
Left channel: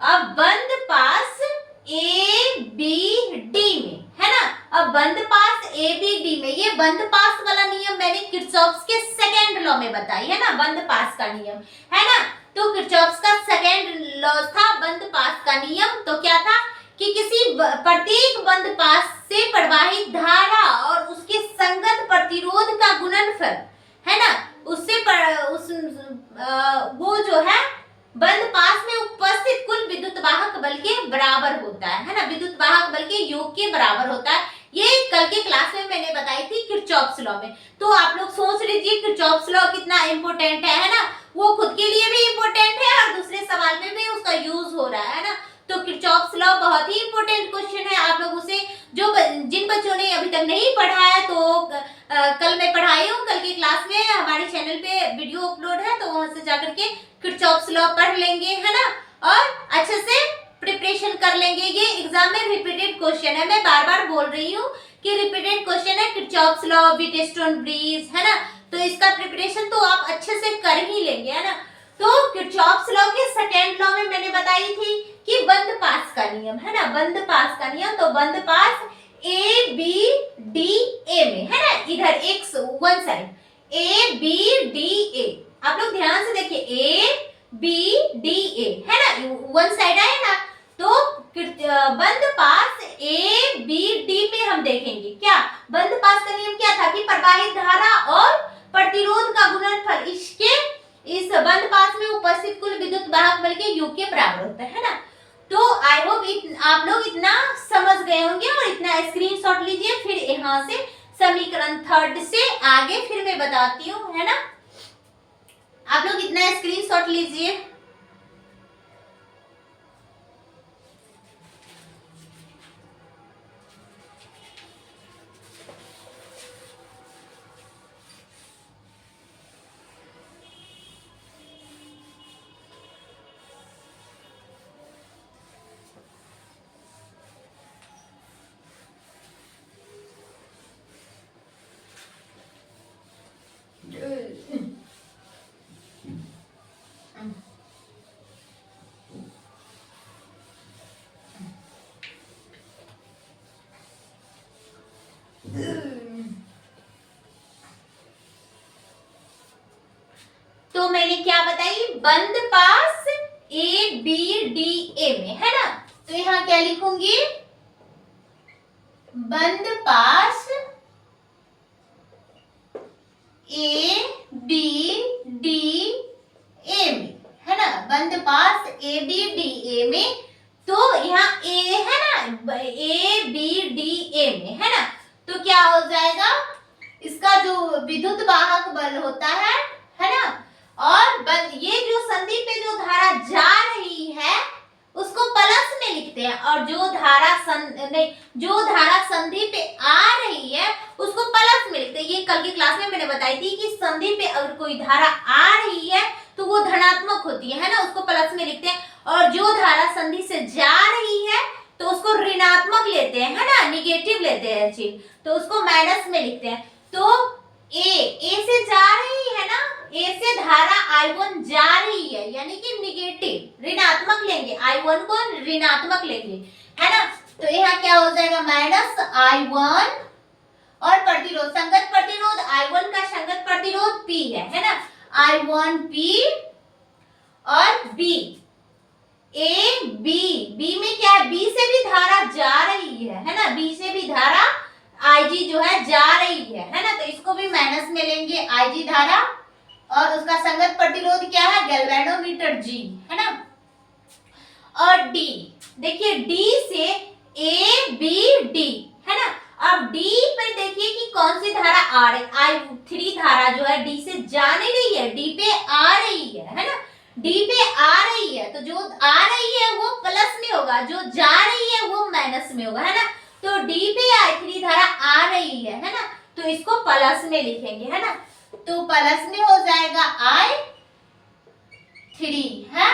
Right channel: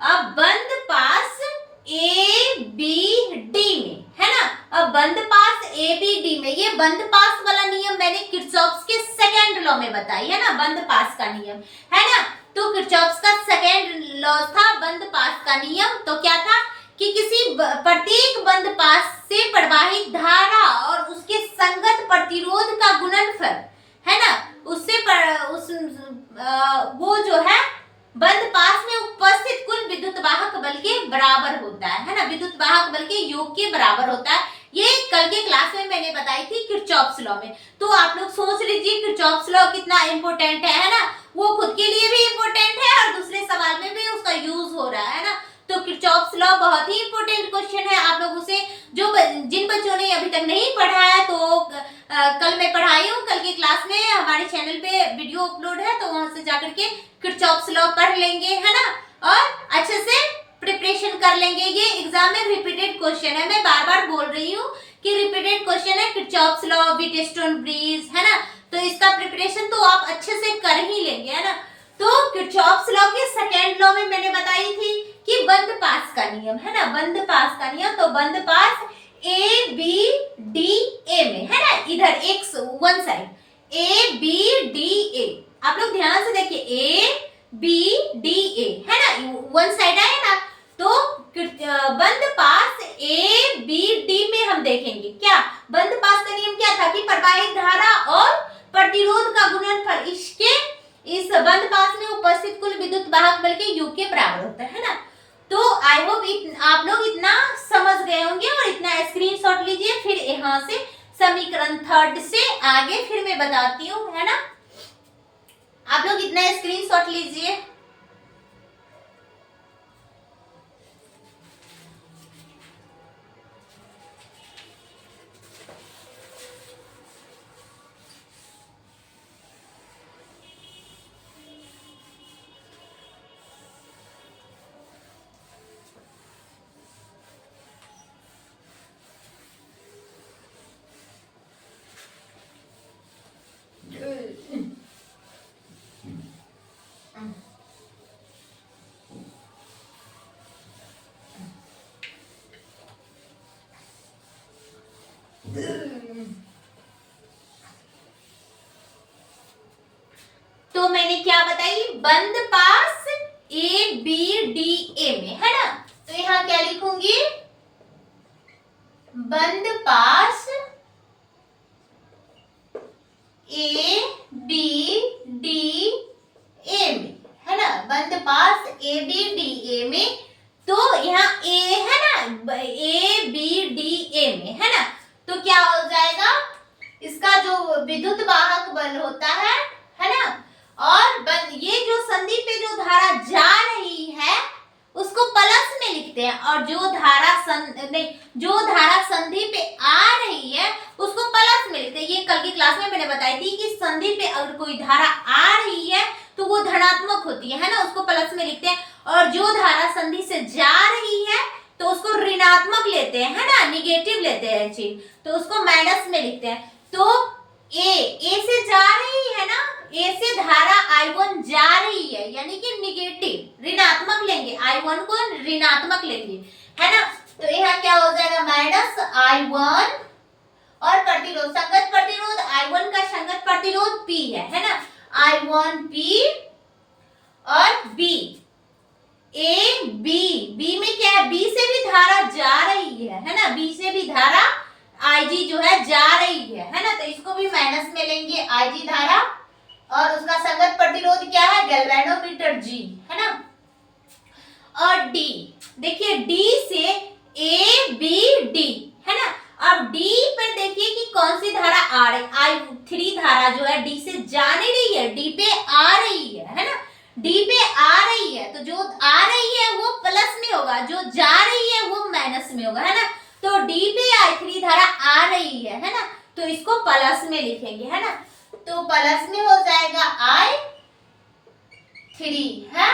अब बंद पास A B D में, है ना। अब बंद पास A B D में, ये बंद पास वाला नियम मैंने किरचॉफ्स के सेकेंड लॉ में बताई है ना, बंद पास का नियम, है ना। तो किरचॉफ्स का सेकेंड लॉ था बंद पास का नियम। तो क्या था कि किसी प्रत्येक बंद पास से प्रवाहित धारा और उसके संगत प्रतिरोध का गुणनफल, है ना, वो जो है बंद पास में उपस्थित कुल विद्युत वाहक बल के बराबर होता है ना, विद्युत वाहक बल के योग के बराबर होता है। ये कल के क्लास में मैंने बताई थी किरचॉफ्स लॉ में। तो आप लोग सोच लीजिए किरचॉफ्स लॉ कितना इंपॉर्टेंट है ना, वो खुद के लिए भी इंपॉर्टेंट है और दूसरे सवाल में भी उसका यूज हो रहा है ना। तो किरचॉफ्स लॉ बहुत ही इंपॉर्टेंट क्वेश्चन है, आप लोग उसे जिन बच्चों ने अभी तक नहीं पढ़ा है तो कल मैं पढ़ाई हूँ, कल के क्लास में हमारे चैनल पे वीडियो अपलोड है, तो वहां से जाकर के किरचॉफ्स लॉ पढ़ लेंगे, है ना, और अच्छे से प्रिपरेशन कर लेंगे। ये एग्जाम में रिपीटेड क्वेश्चन है, मैं बार बार बोल रही हूँ कि रिपीटेड क्वेश्चन है किरचॉफ्स लॉ, व्हीटस्टोन ब्रिज, है ना। तो इसका प्रिपरेशन तो आप अच्छे से कर ही लेंगे, है ना। तो किरचॉफ्स लॉ के सेकेंड लॉ में मैंने बताई थी कि बंद पास का नियम, है ना, बंद पास का नियम। तो बंद पास A B D A में, है ना, इधर एक one side A B D A, आप लोग ध्यान से देखिए A B D A, है ना, वन साइड आया ना। तो बंद पास A B D में हम देखेंगे क्या, बंद पास का नियम क्या था कि प्रवाहित धारा और प्रतिरोध का गुणनफल इस बंद पास में उपस्थित कुल विद्युत वाहक बल के योग के बराबर होता है ना। तो आई होप आप लोग इतना समझ गए होंगे और इतना स्क्रीनशॉट लीजिए। फिर यहाँ से समीकरण 3 से आगे फिर मैं बताती हूँ, है ना। आप लोग इतना स्क्रीनशॉट लीजिए। तो मैंने क्या बताई, बंद पास ए बी डी ए में, है ना। तो यहाँ क्या लिखूंगी, बंद पास ए बी डी ए में, है ना, बंद पास ए बी डी ए में। तो यहाँ ए है ना, ए बी डी ए में, है ना। तो क्या हो जाएगा, इसका जो विद्युत वाहक बल होता है ना, और ये जो संधि पे जो धारा जा रही है उसको प्लस में लिखते हैं, और जो धारा संधि पे आ रही है उसको प्लस में लिखते हैं। ये कल की क्लास में मैंने बताई थी कि संधि पे अगर कोई धारा आ रही है तो वो धनात्मक होती है ना, उसको प्लस में लिखते हैं, और जो धारा संधि से जा रही है तो उसको ऋणात्मक लेते हैं, है ना, निगेटिव लेते हैं चीज, तो उसको माइनस में लिखते हैं। तो ए से जा रही है ना, ए से धारा I1 जा रही है, यानी कि निगेटिव, ऋणात्मक लेंगे, I1 को ऋणात्मक लेंगे, है ना। तो यहाँ क्या हो जाएगा, माइनस I1, और प्रतिरोध, संगत प्रतिरोध I1 का संगत प्रतिरोध P है ना, I1 P और B, A B में क्या है, B से भी धारा जा रही है ना, B से भी धारा IG जो है जा रही है ना, तो इसको भी माइनस में लेंगे IG धारा, और उसका संगत प्रतिरोध क्या है, गैल्वेनोमीटर G, है ना। और D, देखिए D से A B D, है ना। अब D पे देखिए कि कौन सी धारा आ रही, I3 धारा जो है D से जा नहीं रही है, D पे आ रही है ना, D पे आ रही है, तो जो आ रही है वो प्लस में होगा, जो जा रही है वो माइनस में होगा, है ना। तो D पे I3 धारा आ रही है ना, तो इसको प्लस में लिखेंगे, है ना। तो प्लस में हो जाएगा I3 है,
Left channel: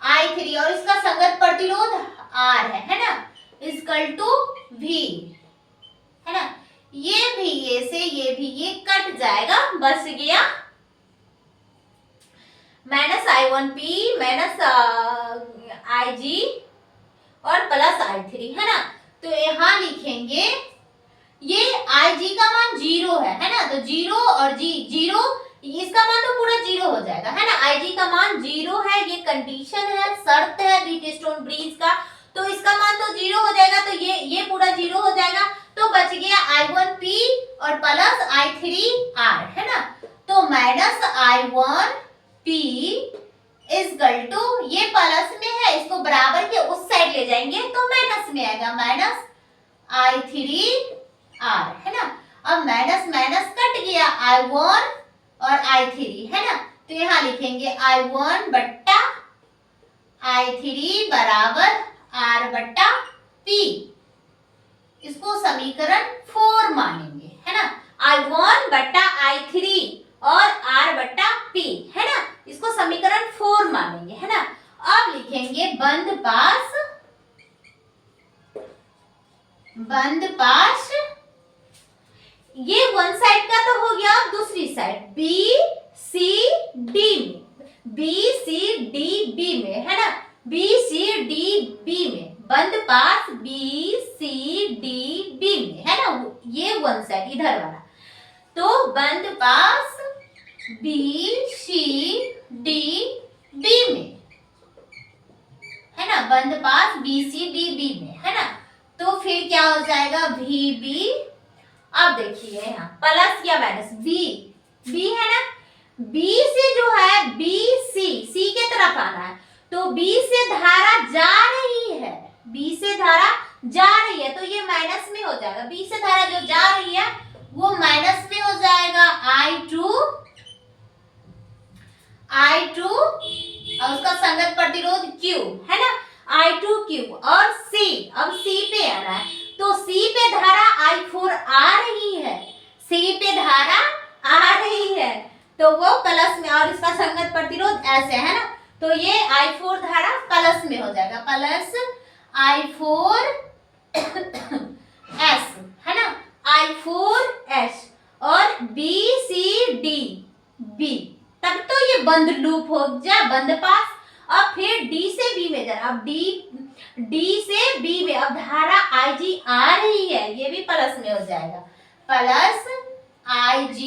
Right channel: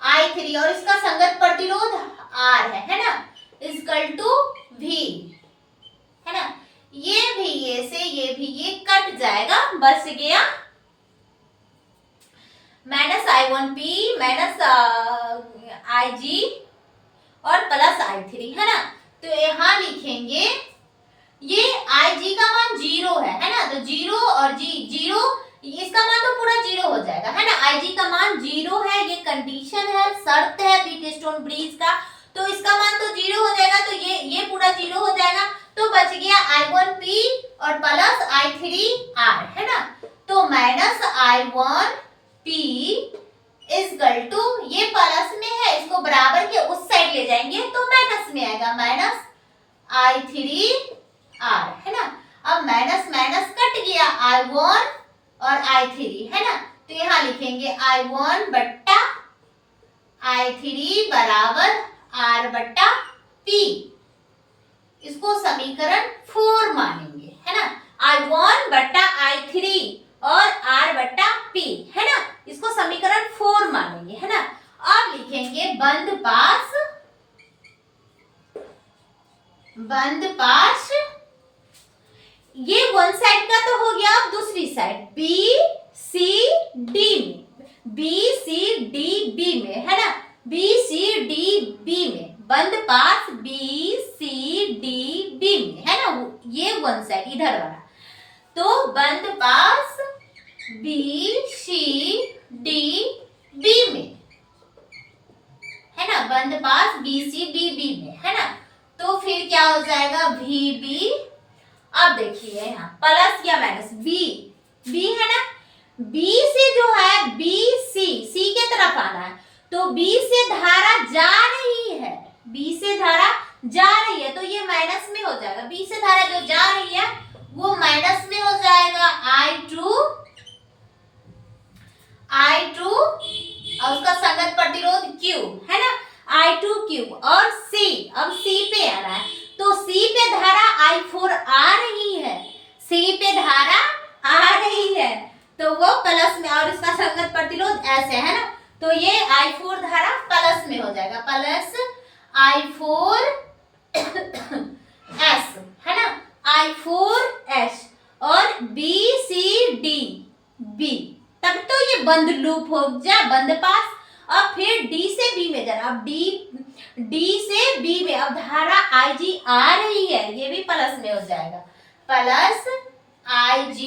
I3, और इसका संगत प्रतिरोध R है ना, इक्वल टू V, है ना। ये भी ये से ये भी ये कट जाएगा, बच गया माइनस I1P माइनस IG और प्लस I3, है ना। तो यहाँ लिखेंगे ये IG का मान 0 है ना, तो 0 और जीरो, इसका मान तो पूरा 0 हो जाएगा, है ना। IG का मान 0 है, ये कंडीशन है, शर्त है व्हीटस्टोन ब्रिज का, तो इसका मान तो 0 हो जाएगा, तो ये पूरा 0 हो जाएगा, तो बच गया I1P और प्लस I3R, है ना। तो माइनस I1P इक्वल टू, ये प्लस में है, इसको बराबर के उस साइड ले जाएंगे तो माइनस में आएगा, माइनस I3R, है ना। अब माइनस माइनस कट गया, I1 और I3, है ना। तो यहाँ लिखेंगे I1 बट्टा I3 बराबर R बट्टा P, इसको समीकरण 4 मानेंगे, है ना। I1 बट्टा I3 और R बट्टा P, है ना, इसको समीकरण 4 मानेंगे, है ना। अब लिखेंगे बंद पास, ये वन साइड का तो हो गया, अब दूसरी साइड BCD में, BCDB में, है ना, BCDB में, बंद पास BCDB में, है ना, ये वन साइड इधर वाला, तो बंद पास BCDB में, है ना, बंद पास BCDB में, है ना। तो फिर क्या हो जाएगा, VB, अब देखिए यहाँ प्लस या माइनस, B है ना, B से जो है C के तरफ आना है, तो B से धारा जा रही है, B से धारा जा रही है, तो ये माइनस में हो जाएगा, B से धारा जो जा रही है वो माइनस में हो जाएगा, I2 और उसका संगत प्रतिरोध Q, है ना, I2Q, और C, अब C पे आ रहा है, तो C पे धारा I4 आ रही है, C पे धारा आ रही है, तो वो प्लस में, और इसका संगत प्रतिरोध ऐसे, है ना, तो ये I4 धारा प्लस में हो जाएगा, प्लस I4S, है ना, I4S और BCDB, तब तो ये बंद लूप हो जा, बंद पास। अब फिर D से B में जाना, अब D से B में, अब धारा IG आ रही है, ये भी प्लस में हो जाएगा, प्लस IG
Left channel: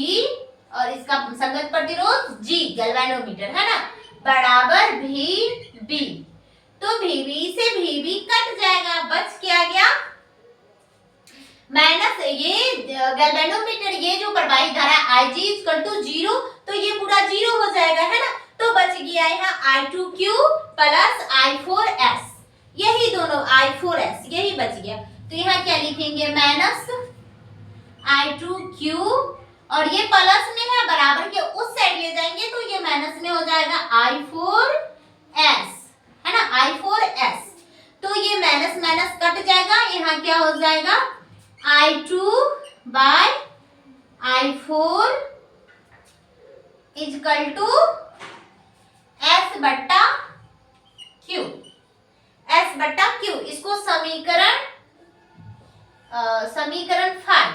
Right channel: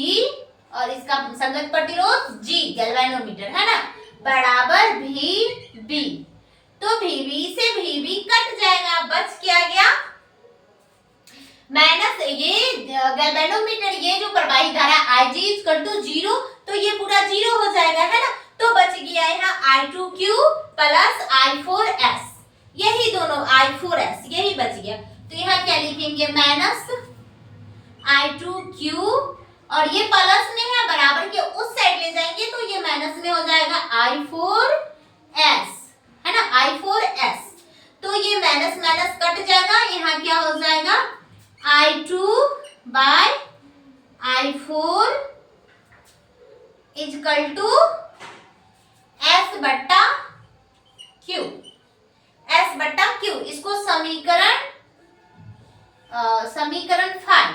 और इसका संगत प्रतिरोध G गैल्वेनोमीटर है ना, बराबर VB। तो VB से VB कट जाएगा, बच क्या गया माइनस ये गैल्वेनोमीटर, ये जो प्रवाहित धारा Ig इक्वल टू 0, तो ये पूरा 0 हो जाएगा है ना। तो बच गया यहाँ I2Q प्लस I4S, यही दोनों I4S यही बच गया। तो यहाँ क्या लिखेंगे माइनस I2Q, और ये प्लस में है बराबर के उस साइड ले जाएंगे तो ये माइनस में हो जाएगा I4S है ना, I4S। तो ये माइनस माइनस कट जाएगा, यहाँ क्या हो जाएगा I2 by I4 equal to S बट्टा Q, S बट्टा Q। इसको समीकरण 5,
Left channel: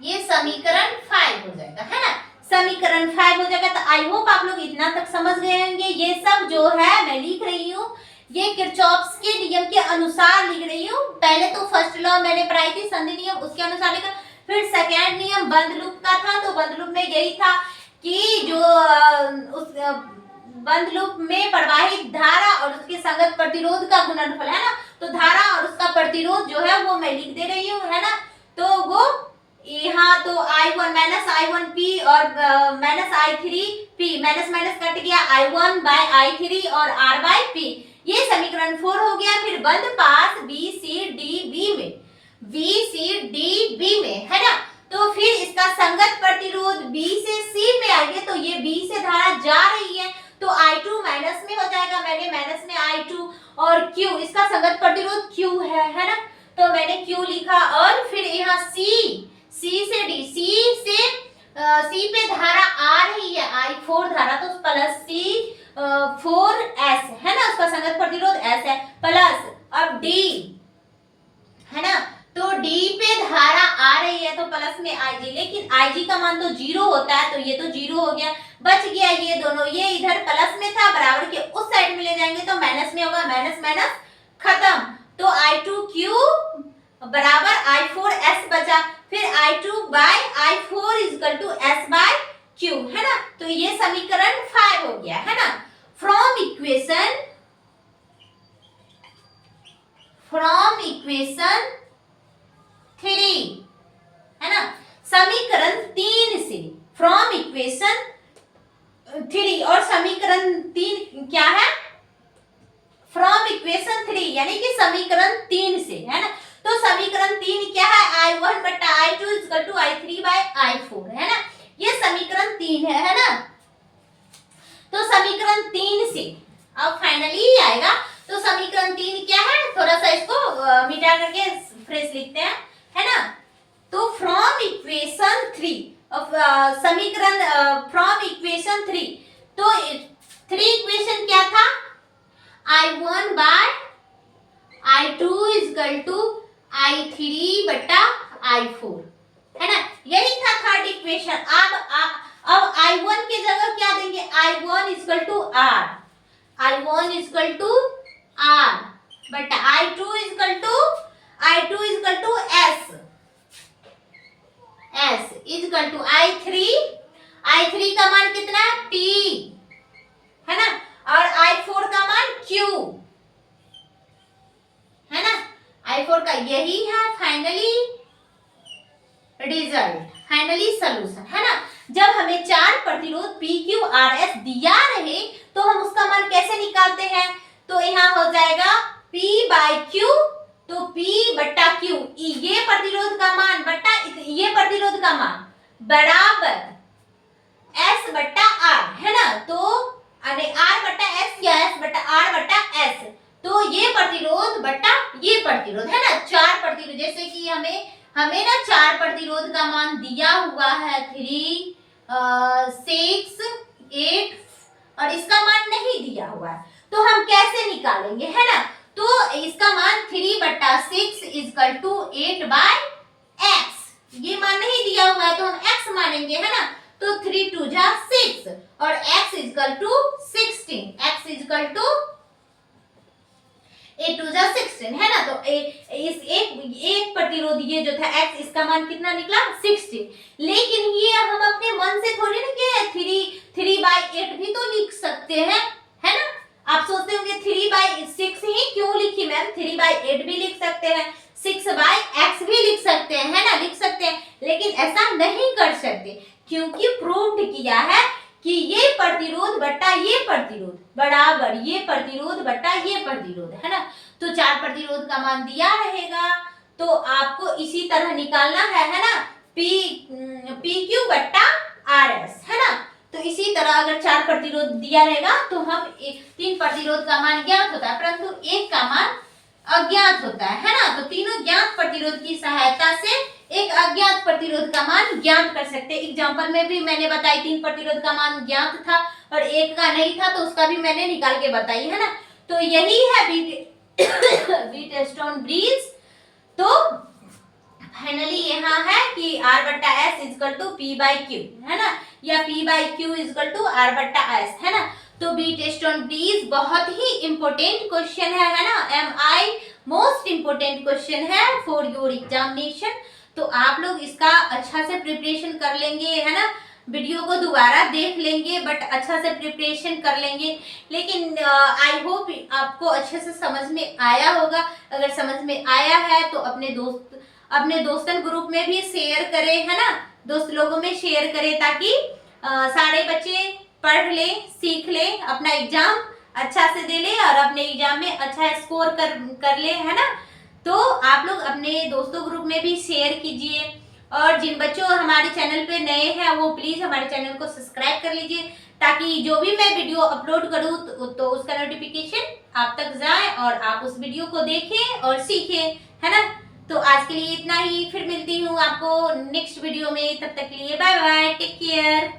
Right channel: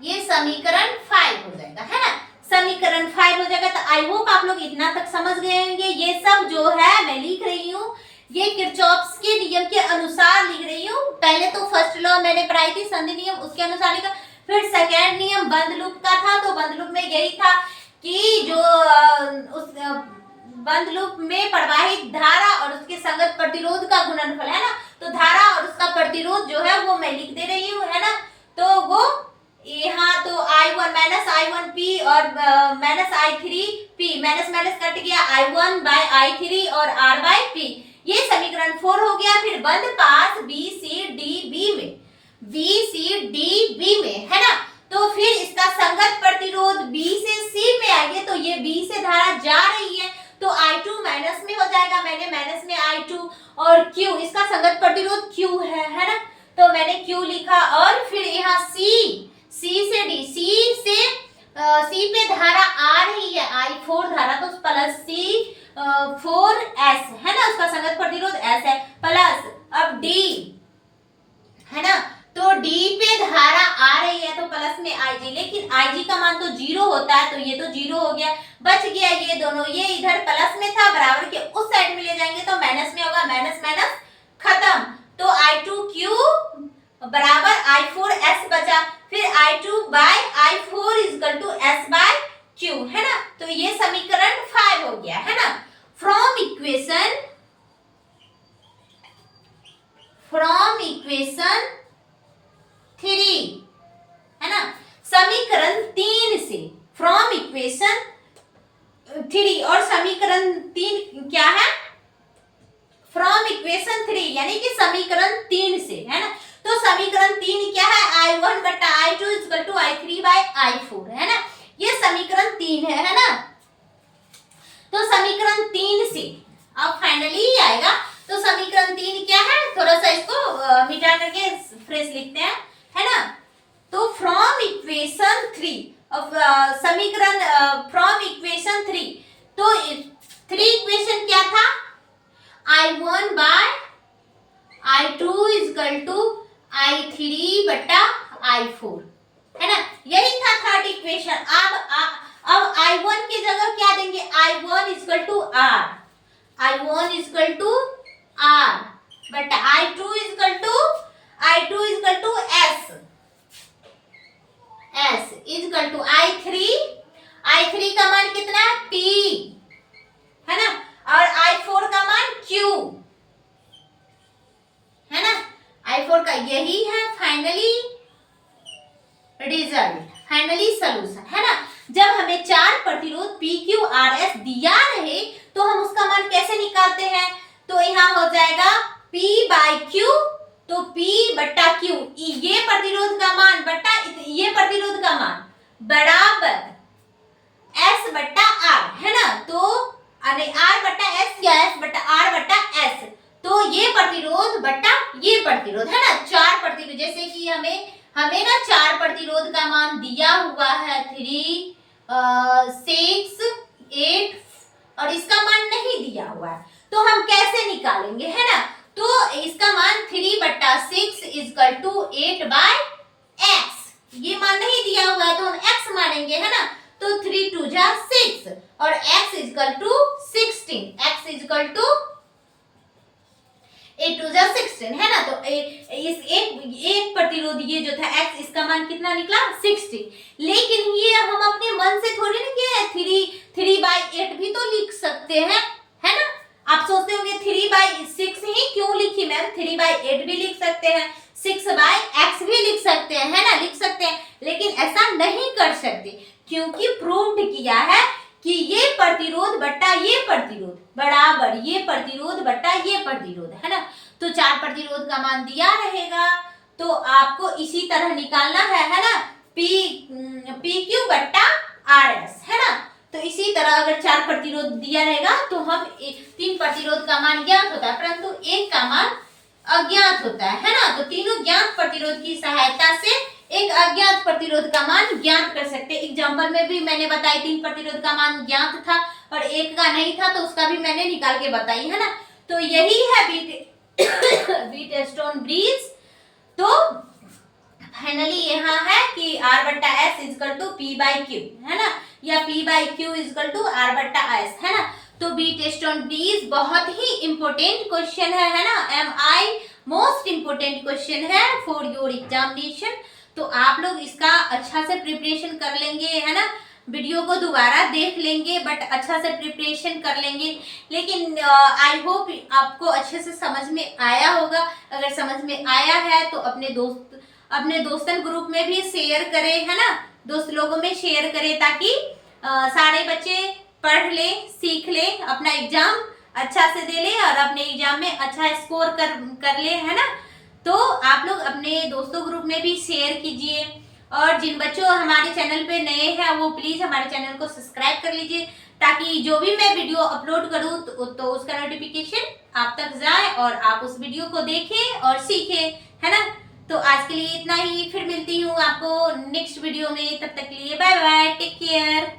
ये समीकरण 5 हो जाएगा है ना, समीकरण 5 हो जाएगा। तो आई होप आप लोग इतना तक समझ गए होंगे। ये सब जो है मैं लिख रही हूँ, ये किरचॉफ्स के नियम के अनुसार लिख रही हूँ। पहले तो फर्स्ट लॉ मैंने पढ़ाई थी संधि नियम, उसके अनुसार लिखा। फिर सेकेंड नियम बंद लूप का था, तो बंद लूप में यही था कि जो उस बंद लूप में प्रवाहित धारा और उसके संगत प्रतिरोध का गुणनफल है ना, तो धारा और उसका प्रतिरोध जो है वो मैं लिख दे रही हूँ है ना। तो वो यहाँ तो I1 माइनस I1P और minus I3P, minus minus cut गया I1 बाय I3 और R बाय P, ये समीकरण 4 हो गया। फिर बंद पास BCDB में है ना, तो फिर इसका संगत प्रतिरोध B से C में आएंगे, तो ये B से धारा जा रही है तो I2 माइनस में हो जाएगा, मैंने माइनस में I2, और Q इसका संगत प्रतिरोध Q है ना, तो मैंने Q लिखा। और फिर यहाँ C से D, C पे धारा आ रही है I4 धारा, तो प्लस C4S है ना, उसका संगत प्रतिरोध S है, प्लस अब D है ना, तो D पे धारा आ रही है तो प्लस में Ig, लेकिन Ig का मान तो 0 होता है, तो ये तो 0 हो गया, बच गया ये दोनों। ये इधर प्लस में था, बराबर के उस साइड में ले जाएंगे तो माइनस में होगा, माइनस माइनस खत्म। तो I2Q बराबर I4S बचा। फिर I2 by I4 equal to S by Q है ना, तो ये समीकरण 5 हो गया है ना। फ्रॉम इक्वेशन 3 है ना, समीकरण 3 से, फ्रॉम इक्वेशन 3, और समीकरण 3 क्या है फ्रॉम इक्वेशन 3 यानी कि समीकरण 3 से है ना। तो समीकरण 3 क्या है I1 बट्टा I2 equal to I3 bye I4 है ना, ये समीकरण 3 है ना। तो समीकरण 3 से अब फाइनली आएगा, तो समीकरण 3 क्या है, थोड़ा सा इसको मिटा करके फ्रेश लिखते हैं है ना। तो फ्रॉम इक्वेशन 3, समीकरण फ्रॉम इक्वेशन 3, तो 3 इक्वेशन क्या था I1 bye I2 equal to I3 बटा I4 है ना, यही था थर्ड इक्वेशन। अब I1 की जगह क्या देंगे, I1 equal to R, I1 equal to R बटा I2 equal to S equal to I3 का मान कितना है P है ना, और I4 का मान Q है ना, I4 का यही है फाइनली रिजल्ट, फाइनली सॉल्यूशन है ना। जब हमें 4 प्रतिरोध PQRS दिया रहे तो हम उसका मान कैसे निकालते हैं, तो यहाँ हो जाएगा P बाय Q, तो P बट्टा Q, ये प्रतिरोध का मान बट्टा ये प्रतिरोध का मान बराबर S बट्टा R है ना, तो R बट्टा S या S बट्टा R बट्टा S, तो ये प्रतिरोध बट्टा ये प्रतिरोध है ना। 4 प्रतिरोध, जैसे कि हमें ना 4 प्रतिरोध का मान दिया हुआ है 3, 6, 8, और इसका मान नहीं दिया हुआ है, तो हम कैसे निकालेंगे है ना। तो इसका मान 3 बट्टा 6 इक्वल टू 8 बाय x, ये मान नहीं दिया हुआ है तो हम x मानेंगे है ना। तो 3 2 जा 6 और x equal to 16, x equal to 8 2 जा 16 है ना। तो एक प्रतिरोध ये जो था x, इसका मान कितना निकला 60। लेकिन ये हम अपने मन से थोड़ी ना किए, 3/8 भी तो लिख सकते हैं, है ना। आप सोचते होंगे 3/6 ही क्यों लिखी मैम, 3/8 भी लिख सकते हैं, 6/x भी लिख सकते हैं, है ना, लिख सकते हैं। लेकिन ऐसा नहीं कर सकते क्योंकि प्रूव्ड किया है कि ये प्रतिरोध बट्टा ये प्रतिरोध बराबर ये प्रतिरोध बट्टा ये प्रतिरोध, है ना। तो 4 प्रतिरोध का मान दिया रहेगा, तो आपको इसी तरह निकालना है ना, PQ बट्टा RS, है ना। तो इसी तरह अगर 4 प्रतिरोध दिया रहेगा तो हम 3 प्रतिरोध का मान ज्ञात होता है, परंतु एक का मान अज्ञात होता है ना। तो तीनों ज्ञात प्रतिरोध की सहायता से एक अज्ञात प्रतिरोध का मान ज्ञात कर सकते हैं। एग्जाम्पल में भी मैंने बताई 3 प्रतिरोध का मान ज्ञात था और एक का नहीं था, तो उसका भी मैंने निकाल के बताई, है ना। तो यही है व्हीटस्टोन ब्रिज। तो फाइनली यहाँ है कि R बट्टा S इजकल टू P/Q, है ना, या P/Q इजकल टू R बट्टा S, है ना। तो व्हीटस्टोन ब्रिज बहुत ही इंपॉर्टेंट क्वेश्चन है ना, MI मोस्ट इंपॉर्टेंट क्वेश्चन है फॉर योर एग्जामिनेशन। तो आप लोग इसका अच्छा से प्रिपरेशन कर लेंगे, है ना, वीडियो को दोबारा देख लेंगे बट अच्छा से प्रिपरेशन कर लेंगे। लेकिन आई होप आपको अच्छे से समझ में आया होगा। अगर समझ में आया है तो अपने दोस्तन ग्रुप में भी शेयर करें, है ना, दोस्त लोगों में शेयर करें ताकि सारे बच्चे पढ़ ले, सीख ले, अपना एग्जाम अच्छा से दे ले और अपने एग्जाम में अच्छा स्कोर कर ले, है ना। तो आप लोग अपने दोस्तों ग्रुप में भी शेयर कीजिए और जिन बच्चों हमारे चैनल पे नए हैं वो प्लीज हमारे चैनल को सब्सक्राइब कर लीजिए ताकि जो भी मैं वीडियो अपलोड करूँ तो उसका नोटिफिकेशन आप तक जाए और आप उस वीडियो को देखें और सीखें, है ना। तो आज के लिए इतना ही, फिर मिलती हूँ आपको नेक्स्ट वीडियो में। तब तक के लिए बाय बाय, टेक केयर।